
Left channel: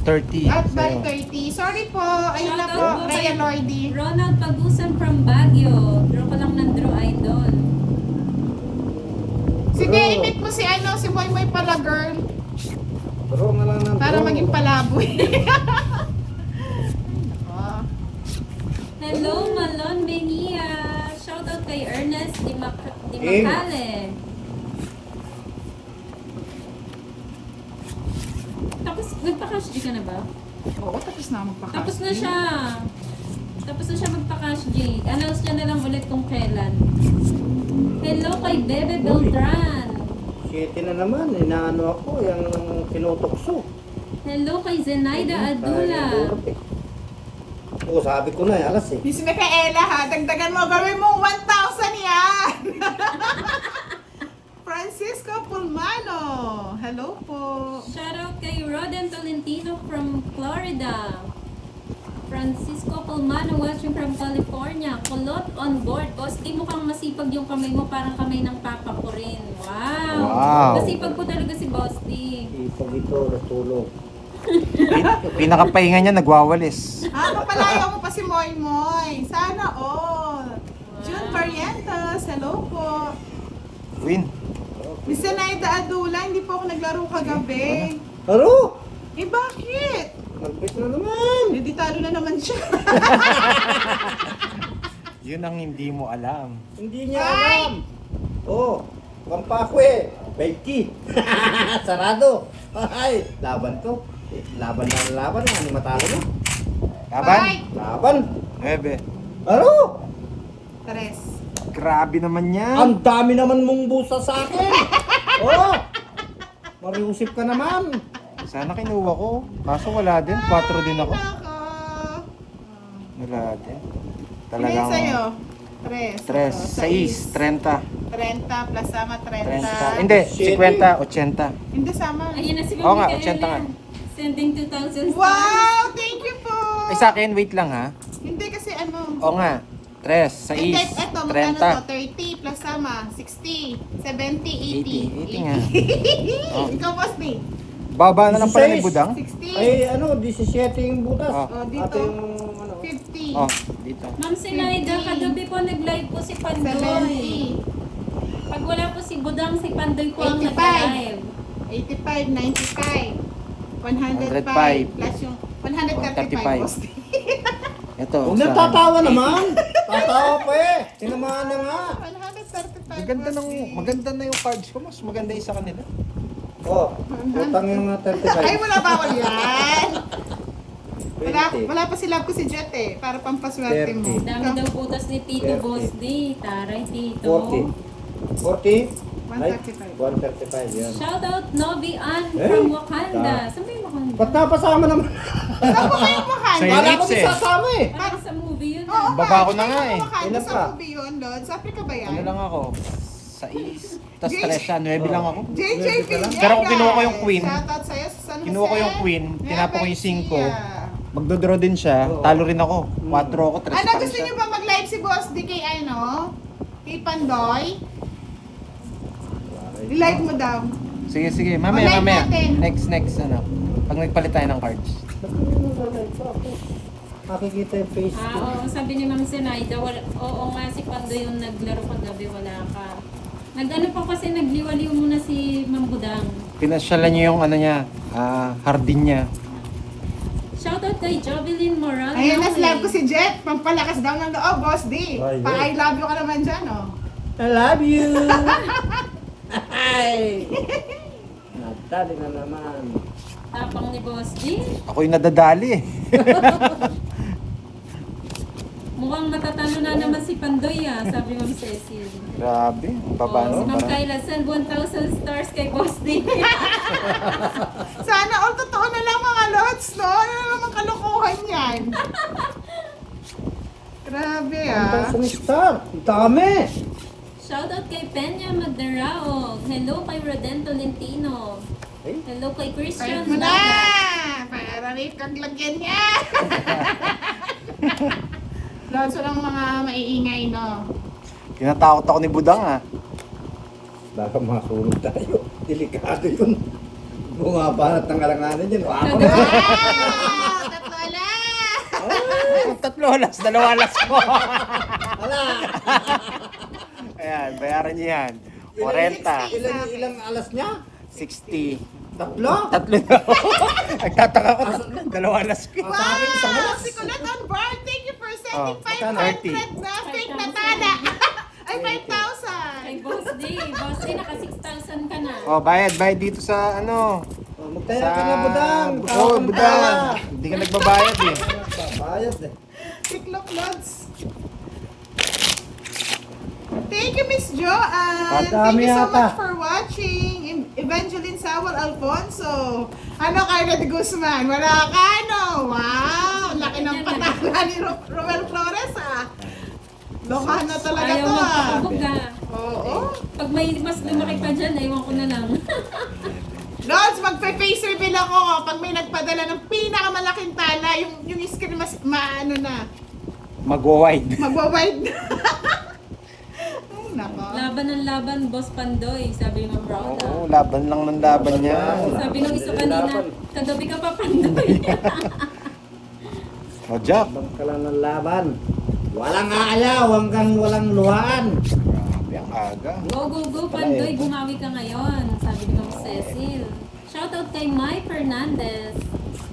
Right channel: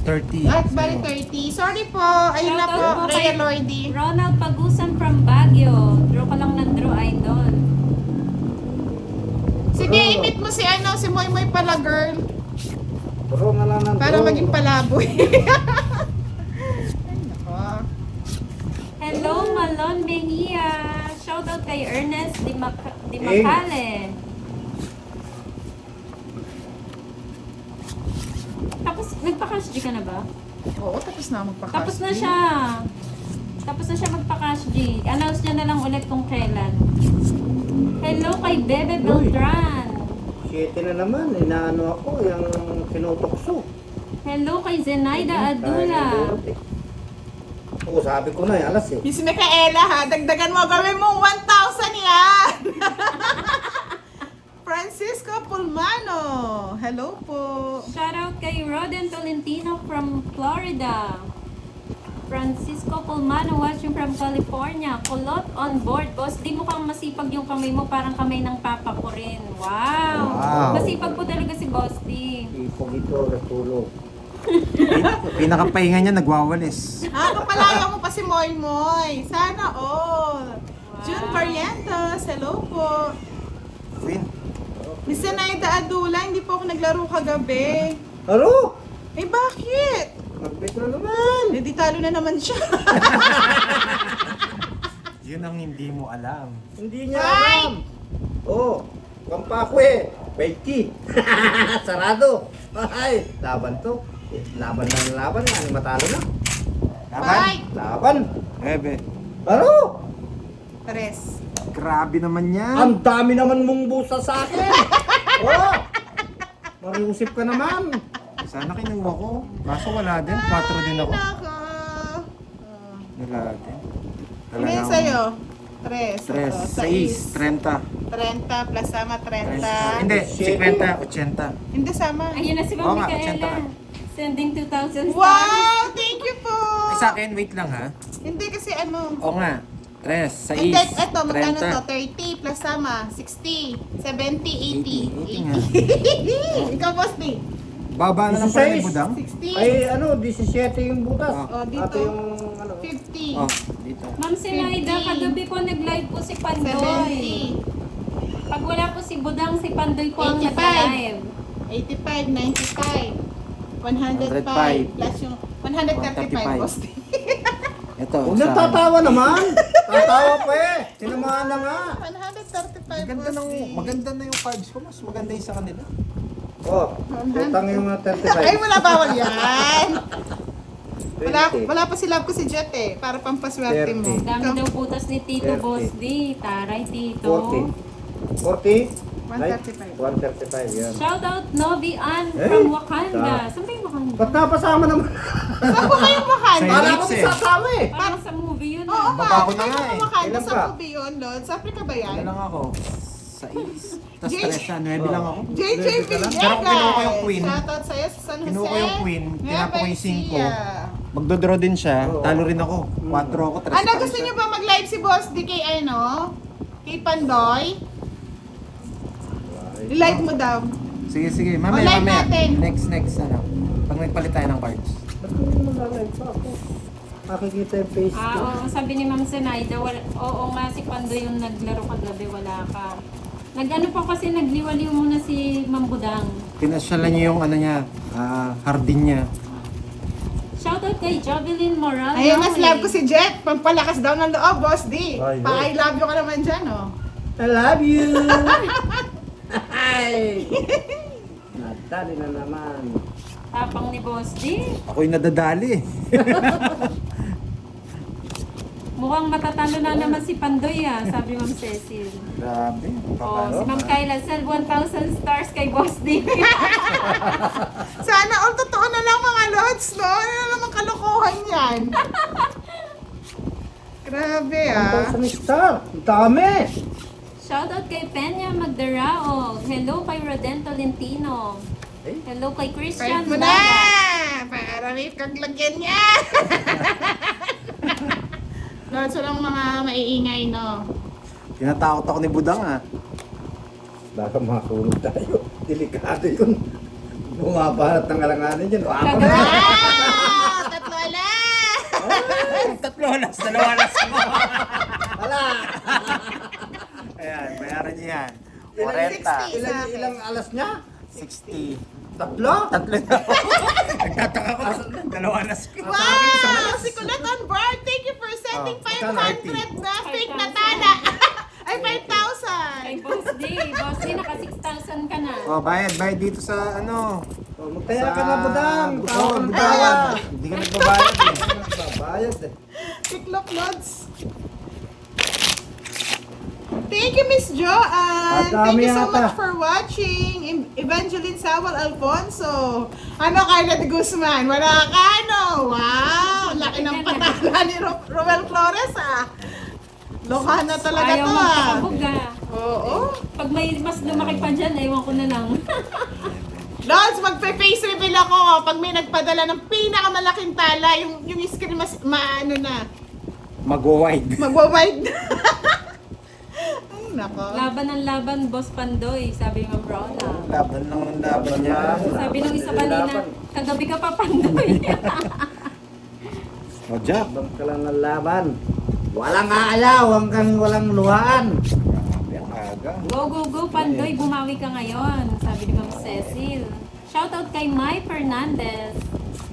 30. At by Sa'yo. 30. Sorry po, ayun na Shoutout po, po kay Rhea Lloydy. Ronald Pagusan from Baguio. Draw ka lang ng draw, idol. Sige, imit mo si ano, si Moy Moy pala, girl. Draw nga lang ng Para draw. maging palaboy. Nako. Hello, Malon Mejia. Shoutout kay Ernest Di Macale. Tapos, nagpa-cash G ka na ba? Oo, tapos na magpakakas. Tapos na siya. Tapos na siya magpa-cash G. Announce niya na lang ulit kung kailan. Hello kay Bebe Beltran. 7 na naman, inaano ako, yung tinutokso. Hello kay Zenaida Adula. Oo, sabi ko na, alas eh. Yung si Micaela ha, dagdagan mo, gawin mo 1,000 yan! Francisco Pulmano, hello po. Shoutout kay Roden Tolentino from Florida. Francisco Pulmano watching from California. Kulot on board. Boss, di mukhang masipag yung kamay mo. Parang kamay ng papa ko rin. Wow! Wow. Masipag po talaga si Boss D. Ipag ito, natulog. Pinakapahinga niya, nagwawalis. Mapalayaw mo pa si Moy Moy. Sana all. June Parientos, hello po. Win. Miss Zenaida Adula, hindi po ako naglaro kagabi. Aro! Eh bakit? Magbit na naman. Hindi talo na naman siya. Yun ang hindi mo alam. Hindi niya alam. Oh, pampakwe. 20. Sarado. Ay, laban to. Laban na laban. Ano matalo na? Laban? Ay! Laban. 9. Aro! Tres. Grabe naman yan. Ang dami naman mong busa sa akin. Oh! Mariusip ka naman. Sana kinuha ko. Kaso wala din. 4 din ako. Nako. Wala din. Ilan sa'yo? Tres. 3. Ito, 6. 30. 30 plus sama 30. 30. Hindi. 50. 80. Hindi sama. Ayun na si Oo Mami nga, 80 nga. Kaela. Sending 2,000 stars. Wow! Thank you po! Ay sa akin, wait lang ha. Hindi kasi ano. Oo nga. 3. Hindi, 6. ito, magkano to? 30. 30 plus sama. 60, 70, 80. 80 nga. Oh. Ikaw, Boss D. Baba na lang pala ni 16. Budang. 60. Ay, ano, 17 yung butas. Oh. Oh, dito. Ate yung, ano, 50. Oh, dito. Ma'am Sinaida, kagabi po nag-live po si Pandoy. 70. Pag wala po si Budang, si Pandoy po ang 85. nag-live. 85, 95. 105 plus yung 135, Boss D. Ito. Huwag sa- nagtatawa naman. Tatawa pa eh. Tinamaan na nga. 135, Maganda Boss D. maganda na yung cards ko. Mas maganda yung sa kanila. Oh, utang yung mga 35. Ay, wala bawal yan. 20. Wala pa si Love ko si Jet eh. Para pampaswerte mo. 30. Dami daw putas ni Tito 30. Boss D. Taray, Tito. 40. 40? 135. 135, yan. Shoutout Novi Ann Eh, from Wakanda. ta- Saan ba yung Wakanda? Ba't napasama naman? Saan po kayong Wakanda? Sa'yo. Kala ko Elite may eh. sasama eh. Parang sa movie yun. Oo ah. Baba ko na nga eh. Wakanda Ilan sa ka? movie yun, Lord. Sa Africa ba yan? Ano lang ako? Sa is. Tapos Jay- 3 siya. 9 lang ako. JJ Ready ka lang? Villegas. Pero kung kinuha ko yung queen, Shoutout sa'yo sa San Jose. kinuha ko yung queen, tinapon ko yung 5. Garcia. Magdodraw din siya. Oo. Talo rin ako. 4 ako. 3 Ano, gusto niyo ba mag-live si Boss D kay ano? Kay Pandoy? I-live mo daw. Sige, sige. Mamaya, Online mamaya. natin. Next, ano. Pag nagpalit tayo ng cards. Ba't hindi mo na-live pa ako? Makikita yung face ko. Oo, sabi ni Ma'am Zenaida, oo nga si Pandoy yung naglaro kagabi, wala ka. Nag-ano pa kasi nagliwaliw muna si Ma'am Budang. Pinasyalan niyo yung ano niya, hardin niya. Shoutout kay Jovelyn Moral. Ayun na, love ko si Jet. Pampalakas daw ng loob, Boss D. Ay, Pa-I love you ka naman dyan, oh. I love you! Ay! Nadali na naman. Tapang ni Boss D. Ako'y nadadali. Mukhang matatalo na naman si Pandoy sabi Ma'am Cecil. Grabe. Ang baba Oh, si nun, Ma'am ah. Kayla, send 1,000 stars kay Boss D. Sana all totoo na lang mga lods, no? Ano na naman kalokohan yan? Grabe, ah. 1,000 star. Ang dami! Shoutout kay Peña Magdarao. Hello kay Roden Tolentino. Eh? Hello kay Kahit Christian mo na! Daga. Para may kang lagyan niya! Lots lang mga maiingay, no? Tinatakot ako ni Budang ah. Baka masunog tayo. Delikado yun. Bumabanat ng alanganin yun. Ako na. Wow! Tatlo ala! Tatlo alas, 2 alas ko. Hala! Ayan, bayaran niyo yan. Ilang alas niya? 60. Tatlo? Tatlo na. Nagtataka ko, 2 alas ko. Sa akin, isang Wow! alas. Si Kulot on board! Thank you for sending Oh, magkano? 500 na fake na tala! Ay, 5,000! Kay Boss D. Boss D, naka 6,000 ka na. Oh, bayad dito sa ano. Oh, magtaya ka na, Budang. Tawa Oh, ka ng Budang. tawa. Hindi ka nagbabayad eh. Nagbabayad eh. Tiklop Lods! Thank you, Miss Joanne! Ang dami Thank you so yata. much for watching! Evangeline Sawal Alfonso! Ano, Carla de Guzman? Wala ka, ano? Wow! Laki ng patala ni Roel Flores, ah! Lokha na talaga Ayaw to, ah! magpasabog ah. Oo! Pag may mas lumaki pa dyan, ewan ko na lang. Lods, magpe-face reveal ako pag may nagpadala ng pinakamalaking tala, yung screen mas maano na, Mag-wide. magwa-wide. Ay, nako. Laban ng laban, Boss Pandoy, sabi ni Ma'am Rhoda. Oo, laban lang ng laban niya. Sabi nung isa kanina, Laban. kagabi ka pa Pandoy. Oh, Jack. Laban ka lang ng laban. Walang ayaw, hanggang walang luhaan. Grabe ang aga. Go, go, go, Pandoy, bumawi ka ngayon, sabi ni Ma'am Cecil. Shoutout kay Mai Fernandez.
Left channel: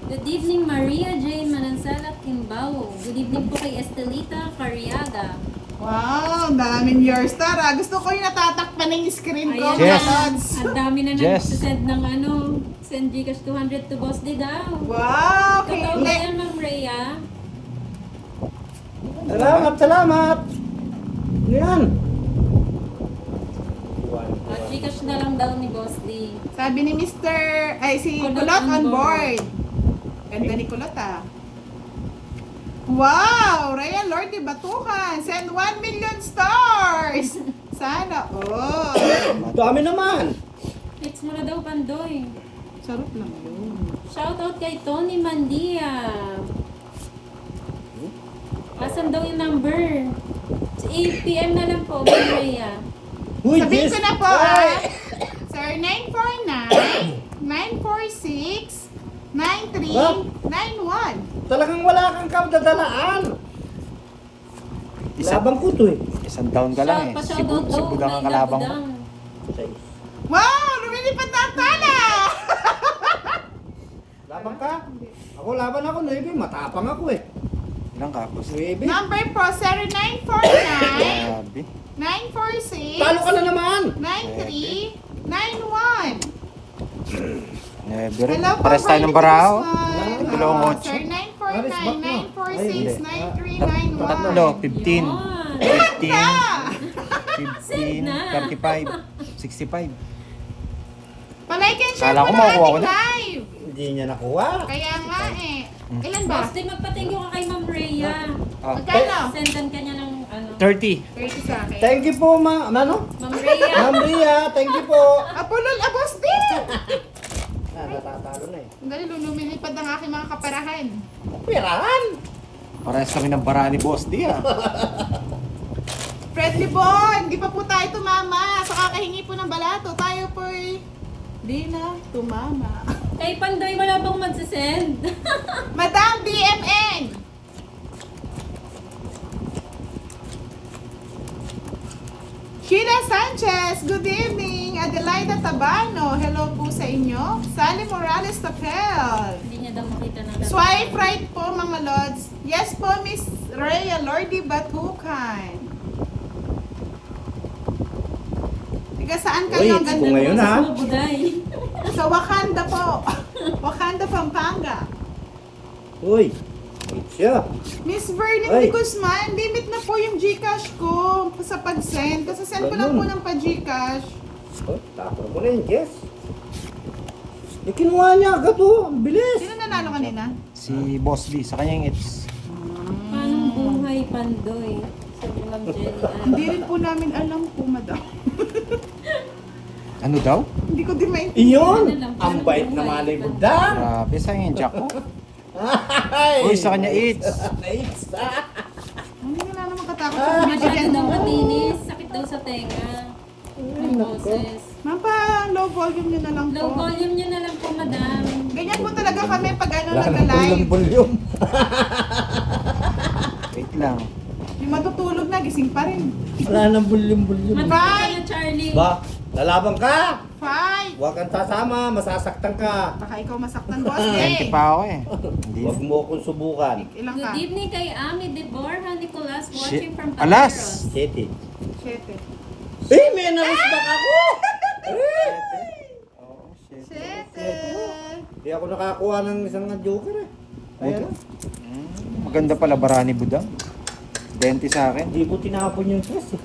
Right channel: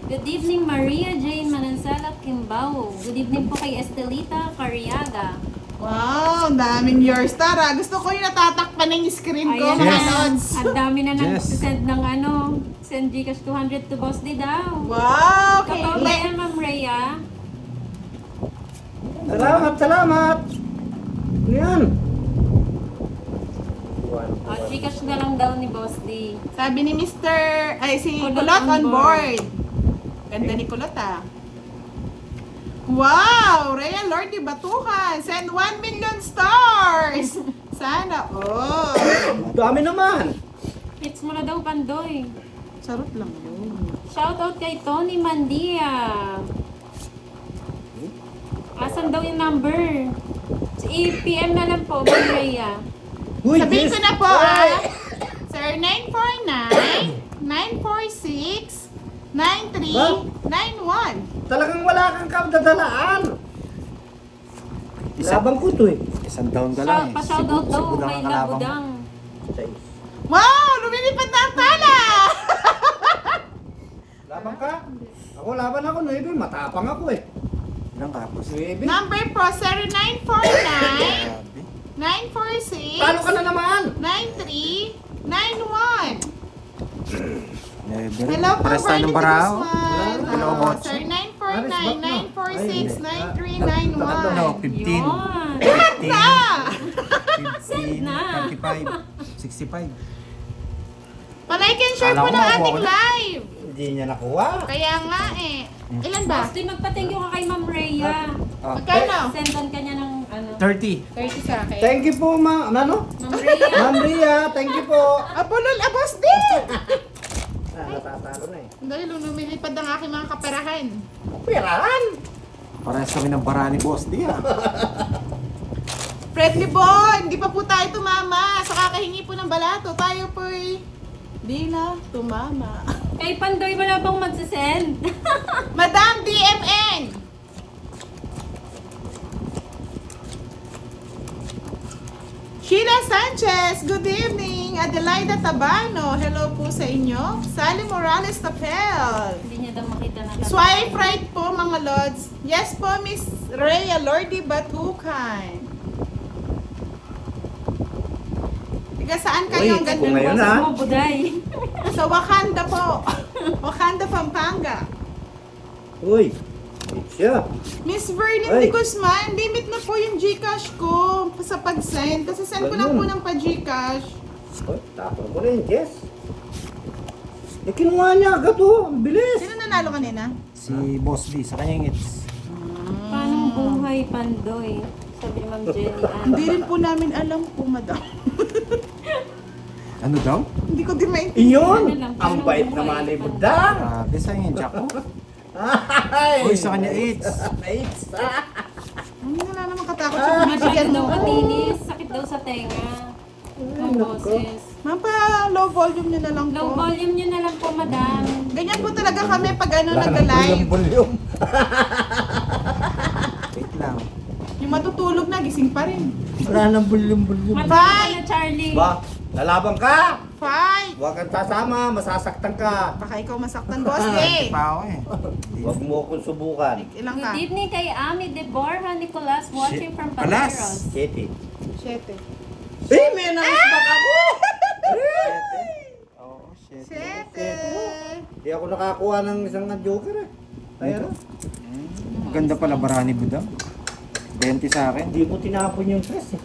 Good evening, Maria Jane Manansala Kimbao. Good evening po kay Estelita Cariaga. Wow, ang daming your star, ah. Gusto ko yung natatakpan ng screen ko. Ayan Yes. mga Lods. Ang dami na Yes. nagsisend ng send Gcash 200 to Boss D daw. Wow, okay. Totoo ba yan, Ma'am Rhea? Salamat, salamat. Yan. Gcash na lang daw ni Boss D. Sabi ni si Kulot Kulot on on board. Ganda ni Kulot, ah. Wow! Rhea Lordy Batuhan, send 1 million stars! Sana, oh! Dami naman. Fix mo na daw, Pandoy. Sarap lang yun. Shoutout kay Tony Mandia. Asan daw yung number? I-PM na lang po, Ma'am Rhea. Uy, Sabihin yes. ko na po, Ay! ah. Sir, 949-946-9391. Talagang wala kang kabdadalaan. Laban ko to eh. Isang down ka lang eh. Pa-shoutout daw, Budang may ang kalabang mo. nabudang. Wow! Lumilipad na ang tala! Laban ka? Ako laban ako, 9. Matapang ako eh. Ilang ka? 9. Number po, 0949 Grabe. 946 Talo ka na naman. 9391. Never. Hello po, Pares tayo ng Bernie barao. Guzman. Dalawang Ah, otso. Sir, 949-946-9391. Tatlo, 15. Yun. 15, na. 35, 65. Palike and share Kala po ko ng makukuha ko ating na. live. Hindi niya nakuha. Kaya nga eh. Ilan ba? Boss D, magpa-thank you ka kay Ma'am Rhea. Oh, Magkano? Sendan ka niya ng 30. 30 sa akin. Thank you po, Ma'am Ma'am Rhea. Ma'am Ria, thank you po. Apolol, abos din! Natatalo na eh. Dahil lumilipad ang aking mga kaperahan. Pirahan. Parehas kami ng bara ni Boss D ah. Fred Libon, di pa po tayo tumama sa kakahingi po ng balato. Tayo po'y di na tumama. Kay Pandoy, wala pang magsisend. Madam DMN! Sheila Sanchez, good evening. Adelaida Tabano, hello po sa inyo. Sally Morales Tapel. Hindi niya daw makita na Swipe right po mga lods. Yes po, Miss Rhea Lordy Batukan. Tiga saan kayo? Uy, Ang ganda kung ngayon, po. ha? mo, Buday. Sa Wakanda po. Wakanda, Pampanga. Uy, siya. Miss Verlin Ay. de Guzman, limit na po yung Gcash ko sa pag-send. Kasi send ko lang po Ganun. ng pa-Gcash. Oh, tapong ko rin, Jess. Eh, kinuha niya agad oh. Ang bilis. Sino nanalo kanina? Si Boss D, sa kanyang it's Paano buhay, Pandoy? Sabi Ma'am Jenny Ann. Hindi rin po namin alam po, madam. Ano daw? Hindi ko din maintindihan. Iyon! Ano lang, Ang paano bait buhay naman ni pa? Budang! Grabe, saan yung jack mo? Ay! Uy, sa kanya eats. Nice! Hindi na naman katakot sa Ah, bibigyan Masyado daw mo. matinis. Sakit daw sa tenga. Ng nako. boses. Ma'am, pa low volume nyo na lang po. Low volume nyo na lang po, madam. Ganyan po talaga kami pag ano Wala nang nag-live. bulyong-bulyong. Wait lang. Yung matutulog na, gising pa rin. Wala nang bulyong-bulyong. Matagal ka na, Charlie. Ba, lalaban ka! Fight! Huwag kang sasama, masasaktan ka. Baka ikaw masaktan, boss. 20 Eh, pa ako eh. Hindi. Huwag mo akong subukan. ilang ka? Good evening kay Ami de Borja Nicolas watching from Alas! Pateros. City. 7. Eh, may narisbak ako! Siyete? Oh, shit. 7. Di ako nakakuha ng isang joker eh. Ayan o. Maganda pala barani budang. 20 sa akin. Hindi mo tinapon yung stress eh.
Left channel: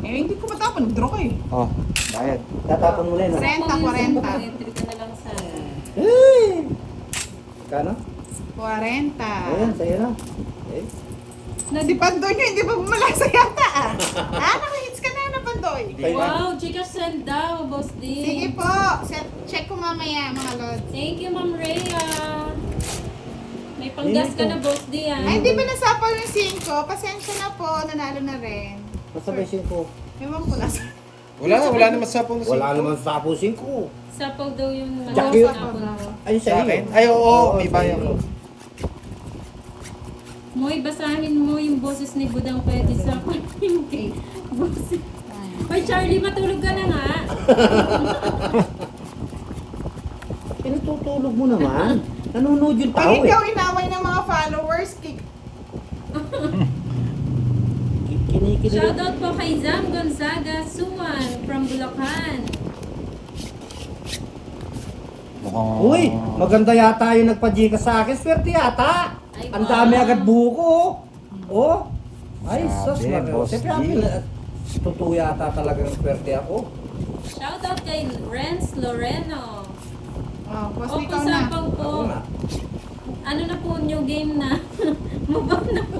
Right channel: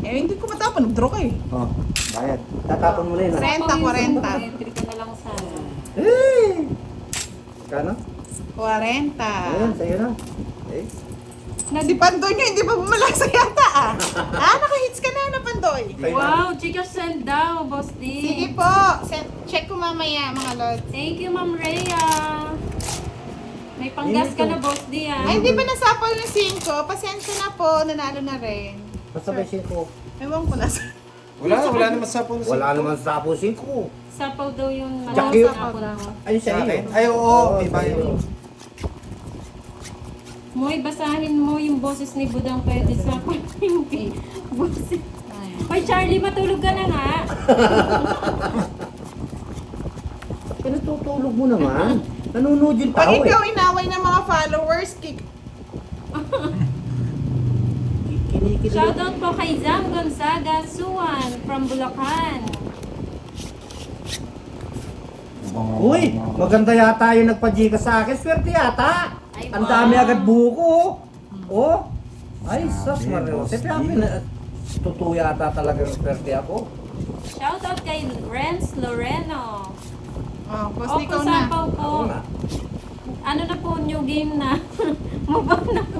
Eh, hindi ko matapon. Nag-draw ka eh. Oh, bayad. Tatapon mo na yun ah. 40. Entry ka na lang sana. Eh! Kano? 40. Ayan, sa'yo na. Eh? Si Pandoy nyo, hindi pa bumalasa yata ah. Naka-hits ka na, Pandoy. Okay na. Wow, Gcash send daw, Boss D. Sige po. Check ko mamaya, mga lods. Thank you, Ma'am Rhea. May panggas ka na, Boss D, ah. Ay, hindi pa nasapaw yung 5. Pasensya na po, nanalo na rin. Nasabay 5. Ewan ko nasa. Wala naman sa phone. Wala naman sa apo 5. Sapaw daw yung Jack yun. sapaw daw. Ayun Sa sa akin? iyo. Ay, oo, may bayad. Moy, basahin mo yung boses ni Budang pwede sa hindi. Boses. Oy, Charlie, matulog ka na nga. Pinatutulog mo naman. Nanonood yung Pag tao eh. ikaw inaway ng mga followers, Kinikilig. Shoutout po kay Zam Gonzaga Suwan from Bulacan. Mukhang... Uy, maganda yata yung nagpa-Gcash sa akin. Swerte yata. Ay, Ang wow. dami agad buko. Oh. Ay, Sabi, sus, Mario. Boss Siyempre, D. totoo yata talagang swerte ako. Shoutout kay Renz Loreno. oh, boss, Opo, ikaw na. sapaw po. Ako nga. Ano na po, new game na. Mabang na po.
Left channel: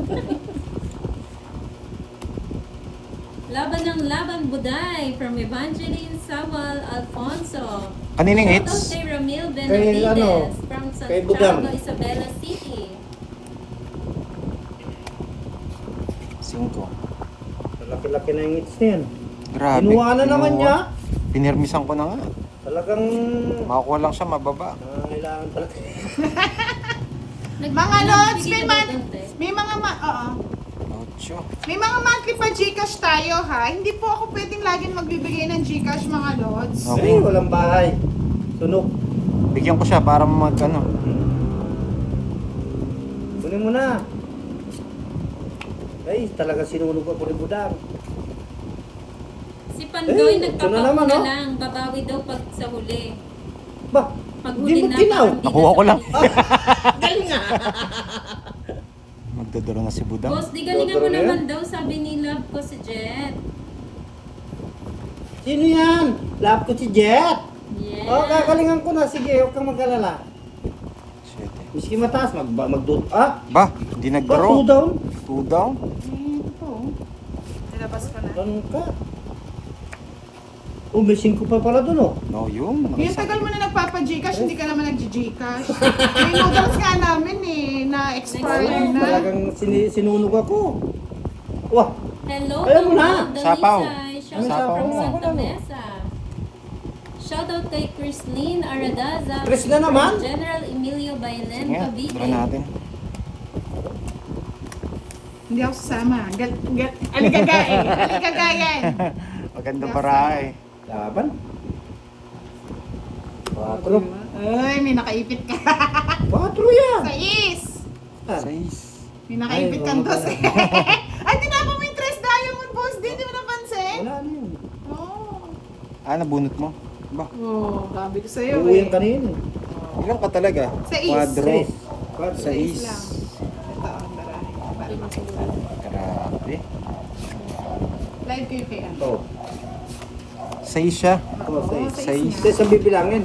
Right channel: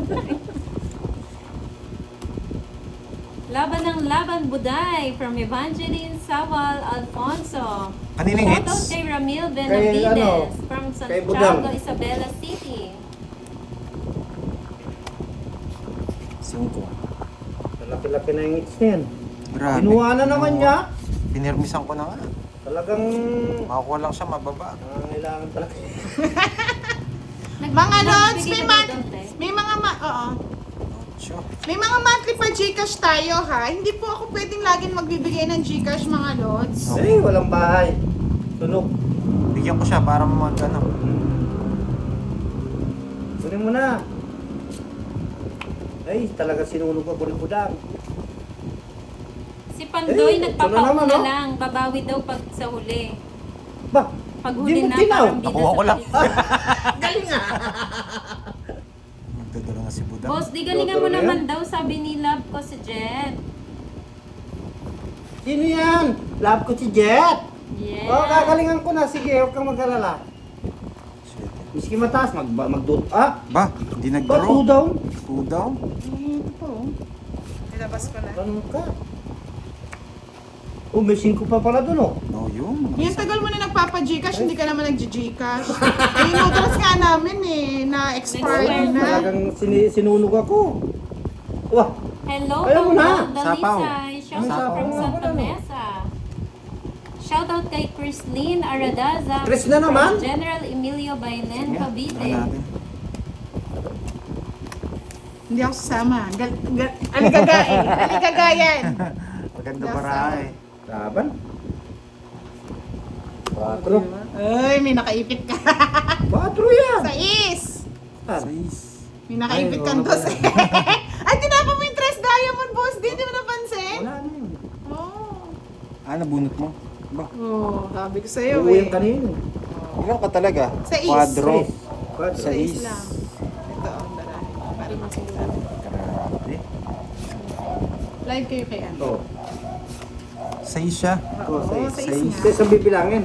Laban ng Laban Buday from Evangeline Sawal Alfonso. Kanining Shoutout hits? kay Ramil Kay, Benavides ano, from kay Budang. Santiago, Isabela City. 5. Laki-laki na yung hits na yan. Grabe. Kinuha na naman niya. Pinirmisan ko na nga. Talagang Makakuha lang siya mababa. nangangailangan talaga. Mga lods, Nagbigay may, na daw dante. may mga oo. Ocho. May mga monthly pa Gcash tayo ha. Hindi po ako pwedeng laging magbibigay ng Gcash, mga lods. Ay, walang bahay. Tunog. Bigyan ko siya para mag ano. Kunin mo na. Ay, talaga sinunog ako ni Budang. Si Pandoy Eh, ito na nagpapauna naman, no? lang. Babawi daw pag sa huli. Ba, Pag Di huli mo na, tinaw. parang di na Nakuha sa ko lang. huli. galing nga. Magdodoro na si Budang. Boss, di galingan mo Dodoro na naman daw, sabi ni Love ko si Jet. Sino yan? Love ko si Jet. Yeah. Oh, kakalingan ko na. Sige, huwag kang mag-alala. Shit. Miski mataas, magdud. Ah, Ba, hindi ba, nag-draw. 2 down? 2 down? Nilabas ko na. Ganun ka. Oh, may 5 pa pala dun, oh. No, yun. Yung tagal mo na nagpapa-Gcash, hindi ka naman nag-Gcash. Yung noodles nga namin eh, na-expire na. Talagang sinunog ako. Wah, Hello, Ayaw mo na. Paolo Sapaw. Dalisay. Shout Ano out sapaw? from Santa Ano? Mesa. Shout out kay Chrislyn Aradaza. Chris na naman? from General Emilio Bailen, Ngayon, Cavite. tira natin. Hindi ako sasama. Aligagain. Aligagayan. Maganda para eh. laban. 4. Ay, may nakaipit ka. 4 yan. Sa is. Ah, 6. May nakaipit Ay, kang wala dos. Ay, tinapa mo yung 3 diamond, boss. Di mo napansin? Wala na yun. Oo. Ah, nabunot mo? Ba? Oh, sabi ko sa'yo Uuwi eh. yung kanina. Ilan ka talaga? Sa is. Quadro. Sa Sa Is is. lang. Ito, ang barahe. Para masigurado. Grabe. Live kayo kay ano? Oh, 6 siya. oh, Oo, sa sa is is. nga. Sa bibilangin.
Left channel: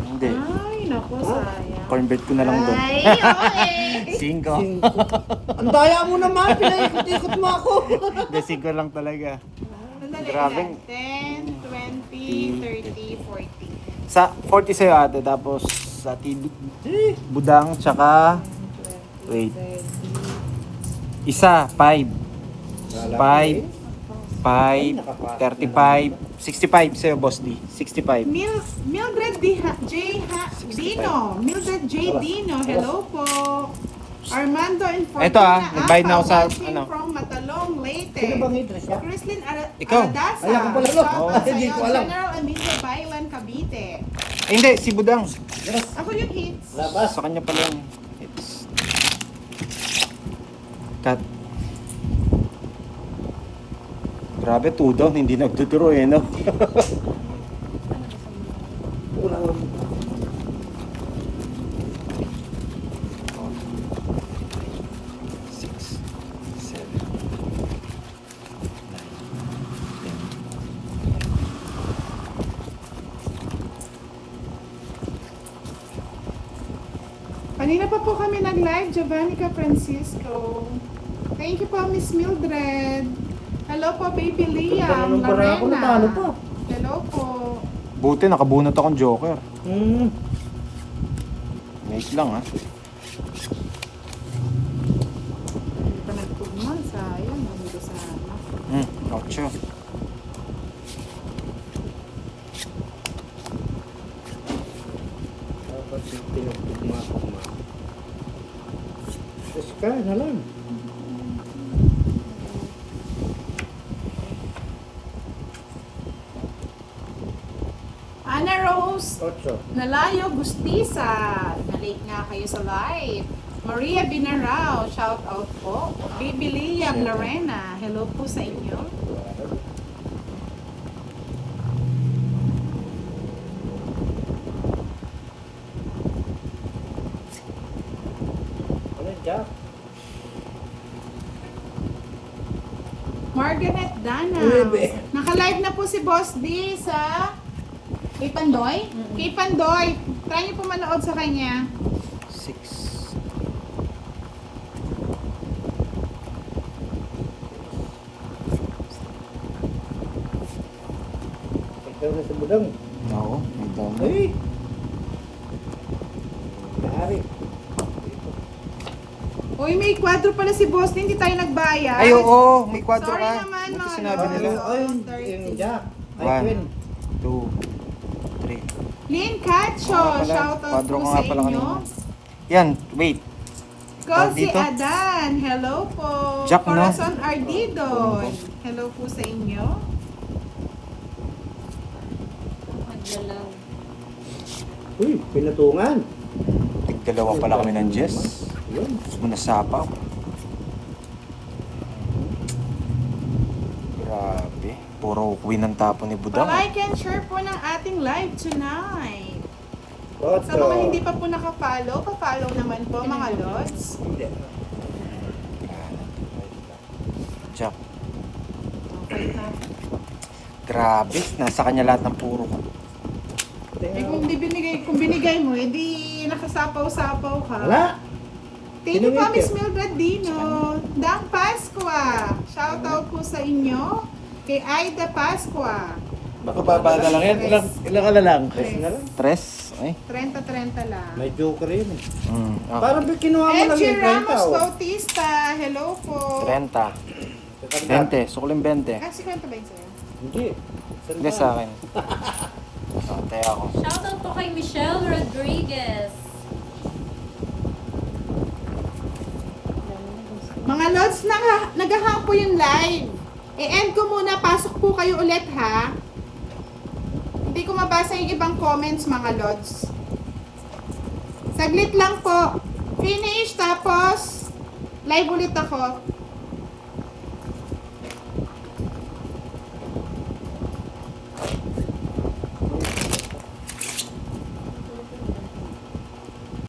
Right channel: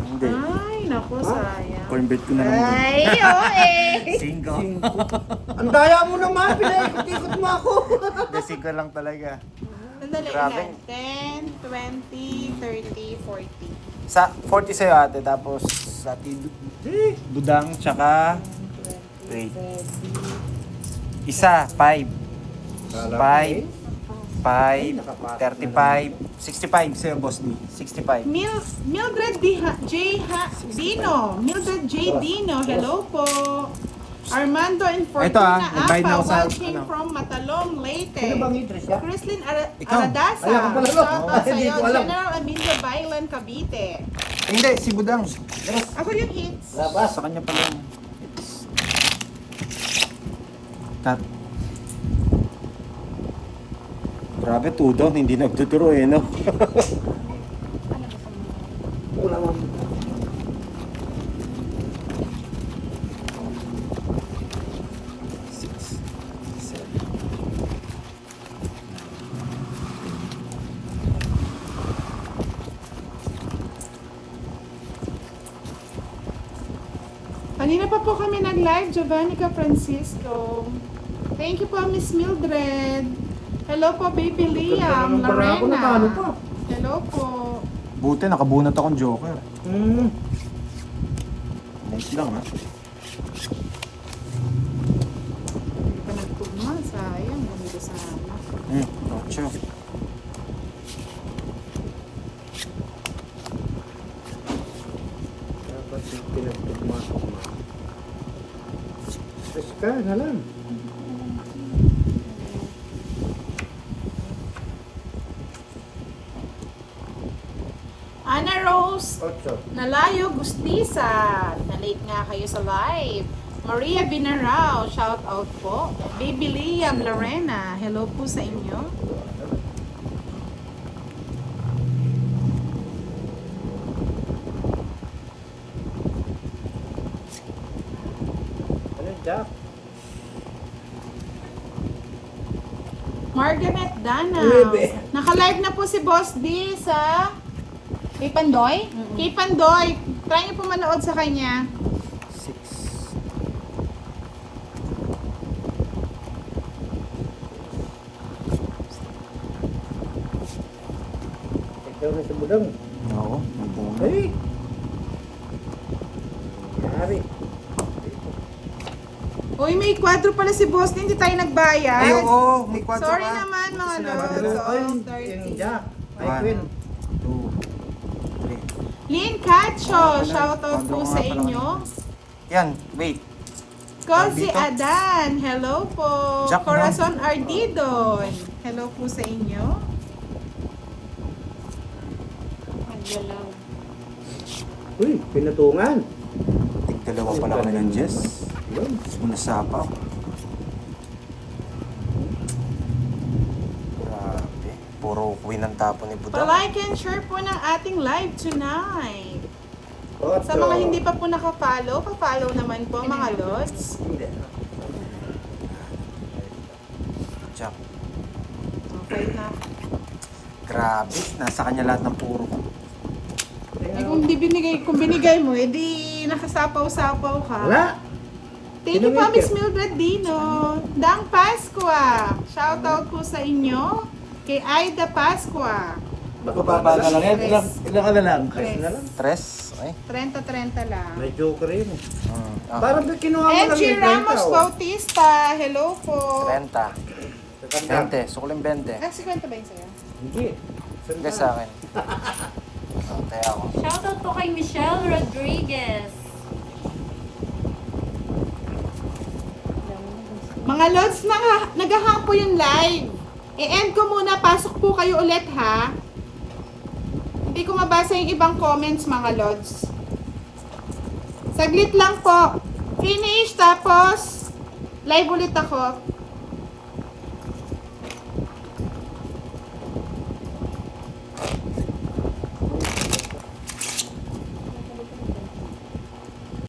Hindi. Ay. naku, sayang. Corn bread ko na lang doon. Ay, okay. 5. Ang daya mo naman, pinaikot-ikot mo ako. Hindi, 5 lang talaga. Sandali Grabe. lang. 10, 20, 30, 40. Sa 40 sa'yo ate, tapos sa budang, tsaka, wait, isa, 5. 5, 35, 65 sa'yo, boss D. 65. Mildred Dino. Mildred J. Dino. Hello po. Armando and Ito, Fortuna nagbayad na ako sa, watching ano. from Matalong, Leyte. Sino bang hidres niya? Crislin Ikaw. Aradasa. Ay, ako pala, no? Shoutout Ay, hindi sa'yo, ko alam. General Emilio Bailan, Cavite. Ay, hindi, si budang. Ako yung hits. Labas. Sa kanya pala yung hits. Cut. Grabe, 2 down, hindi nagduduro eh, no? Wala mo. 6, 7, 9, 10. Kanina pa po kami nag-live, Giovannica Francisco. Thank you po, Miss Mildred. Hello po, Baby Liam. Ng barako na Lorena. tano pa. Hello po. Buti, nakabunot akong joker. Hmm. Nice lang, ha? Hindi pa nagtugma, sayang. Ganito sa amin. Gotcha. Dapat yung pinagtugma-tugma. Tapos ka na lang. Ana Rose 8. Nalayo Gustisa. Na-late nga kayo sa live. Maria Binarao, shout out po. Baby Liam Lorena, hello po sa inyo. Ano, Jack? Margaret Dana. Bebe. Naka-live na po si Boss D sa kay Pandoy. Kay Pandoy, try niyo po manood sa kanya. 6. Ikaw na sa budang. Oo, may down. Ay! Yari. Uy, may kwadro pala si Boss D, hindi tayo nagbayad. Ay, oo, may kwadro Sorry ka. naman, Buti mga sinabi lords. nila. Ay, Ay, yung Jack. Ay, 1, Queen. 2, 3. Lynn Cacho, Wala, shout out kwadro po ko sa nga pala inyo. Yan, wait. Kosi Dito. Adan, hello po. Jack, no? Corazon Ardidon, hello po sa inyo. Naglalang. Uy, pinatungan. Tig-dalawa pala kami ng Jess. Yun. Manasapaw. Grabe. Puro win ang tapo ni Budang. Pa-like and share po ng ating live tonight. 8. Sa mga hindi pa po naka-follow, pa-follow naman po mga lods. Hindi. Jack. Okay na. Grabe. Nasa kanya lahat ng puro. Eh, kung binigay mo, edi nakasapaw-sapaw ka. Wala. Thank you po, Sino Miss Mildred Dino. Dang Pasqua. Shout out po sa inyo. Kay Aida Pasqua. Mababa na lang yan. Ilang ka na lang? Tres na lang. 3? Ay. 30-30 lang. May joker yun eh. Okay. Parang kinuha mo lang Edgy yung 30 Ramos oh. Bautista. Hello po. 30. Sa 20. Sukling 20. Ah, 50 ba yun sa'yo? Hindi. Hindi sa akin. Patay ako. Shoutout po kay Michelle Rodriguez. Mga lods, naghahang po yung live. I-end ko muna, pasok po kayo ulit ha. Hindi ko mabasa yung ibang comments mga lods. Saglit lang po. Finish, tapos live ulit ako.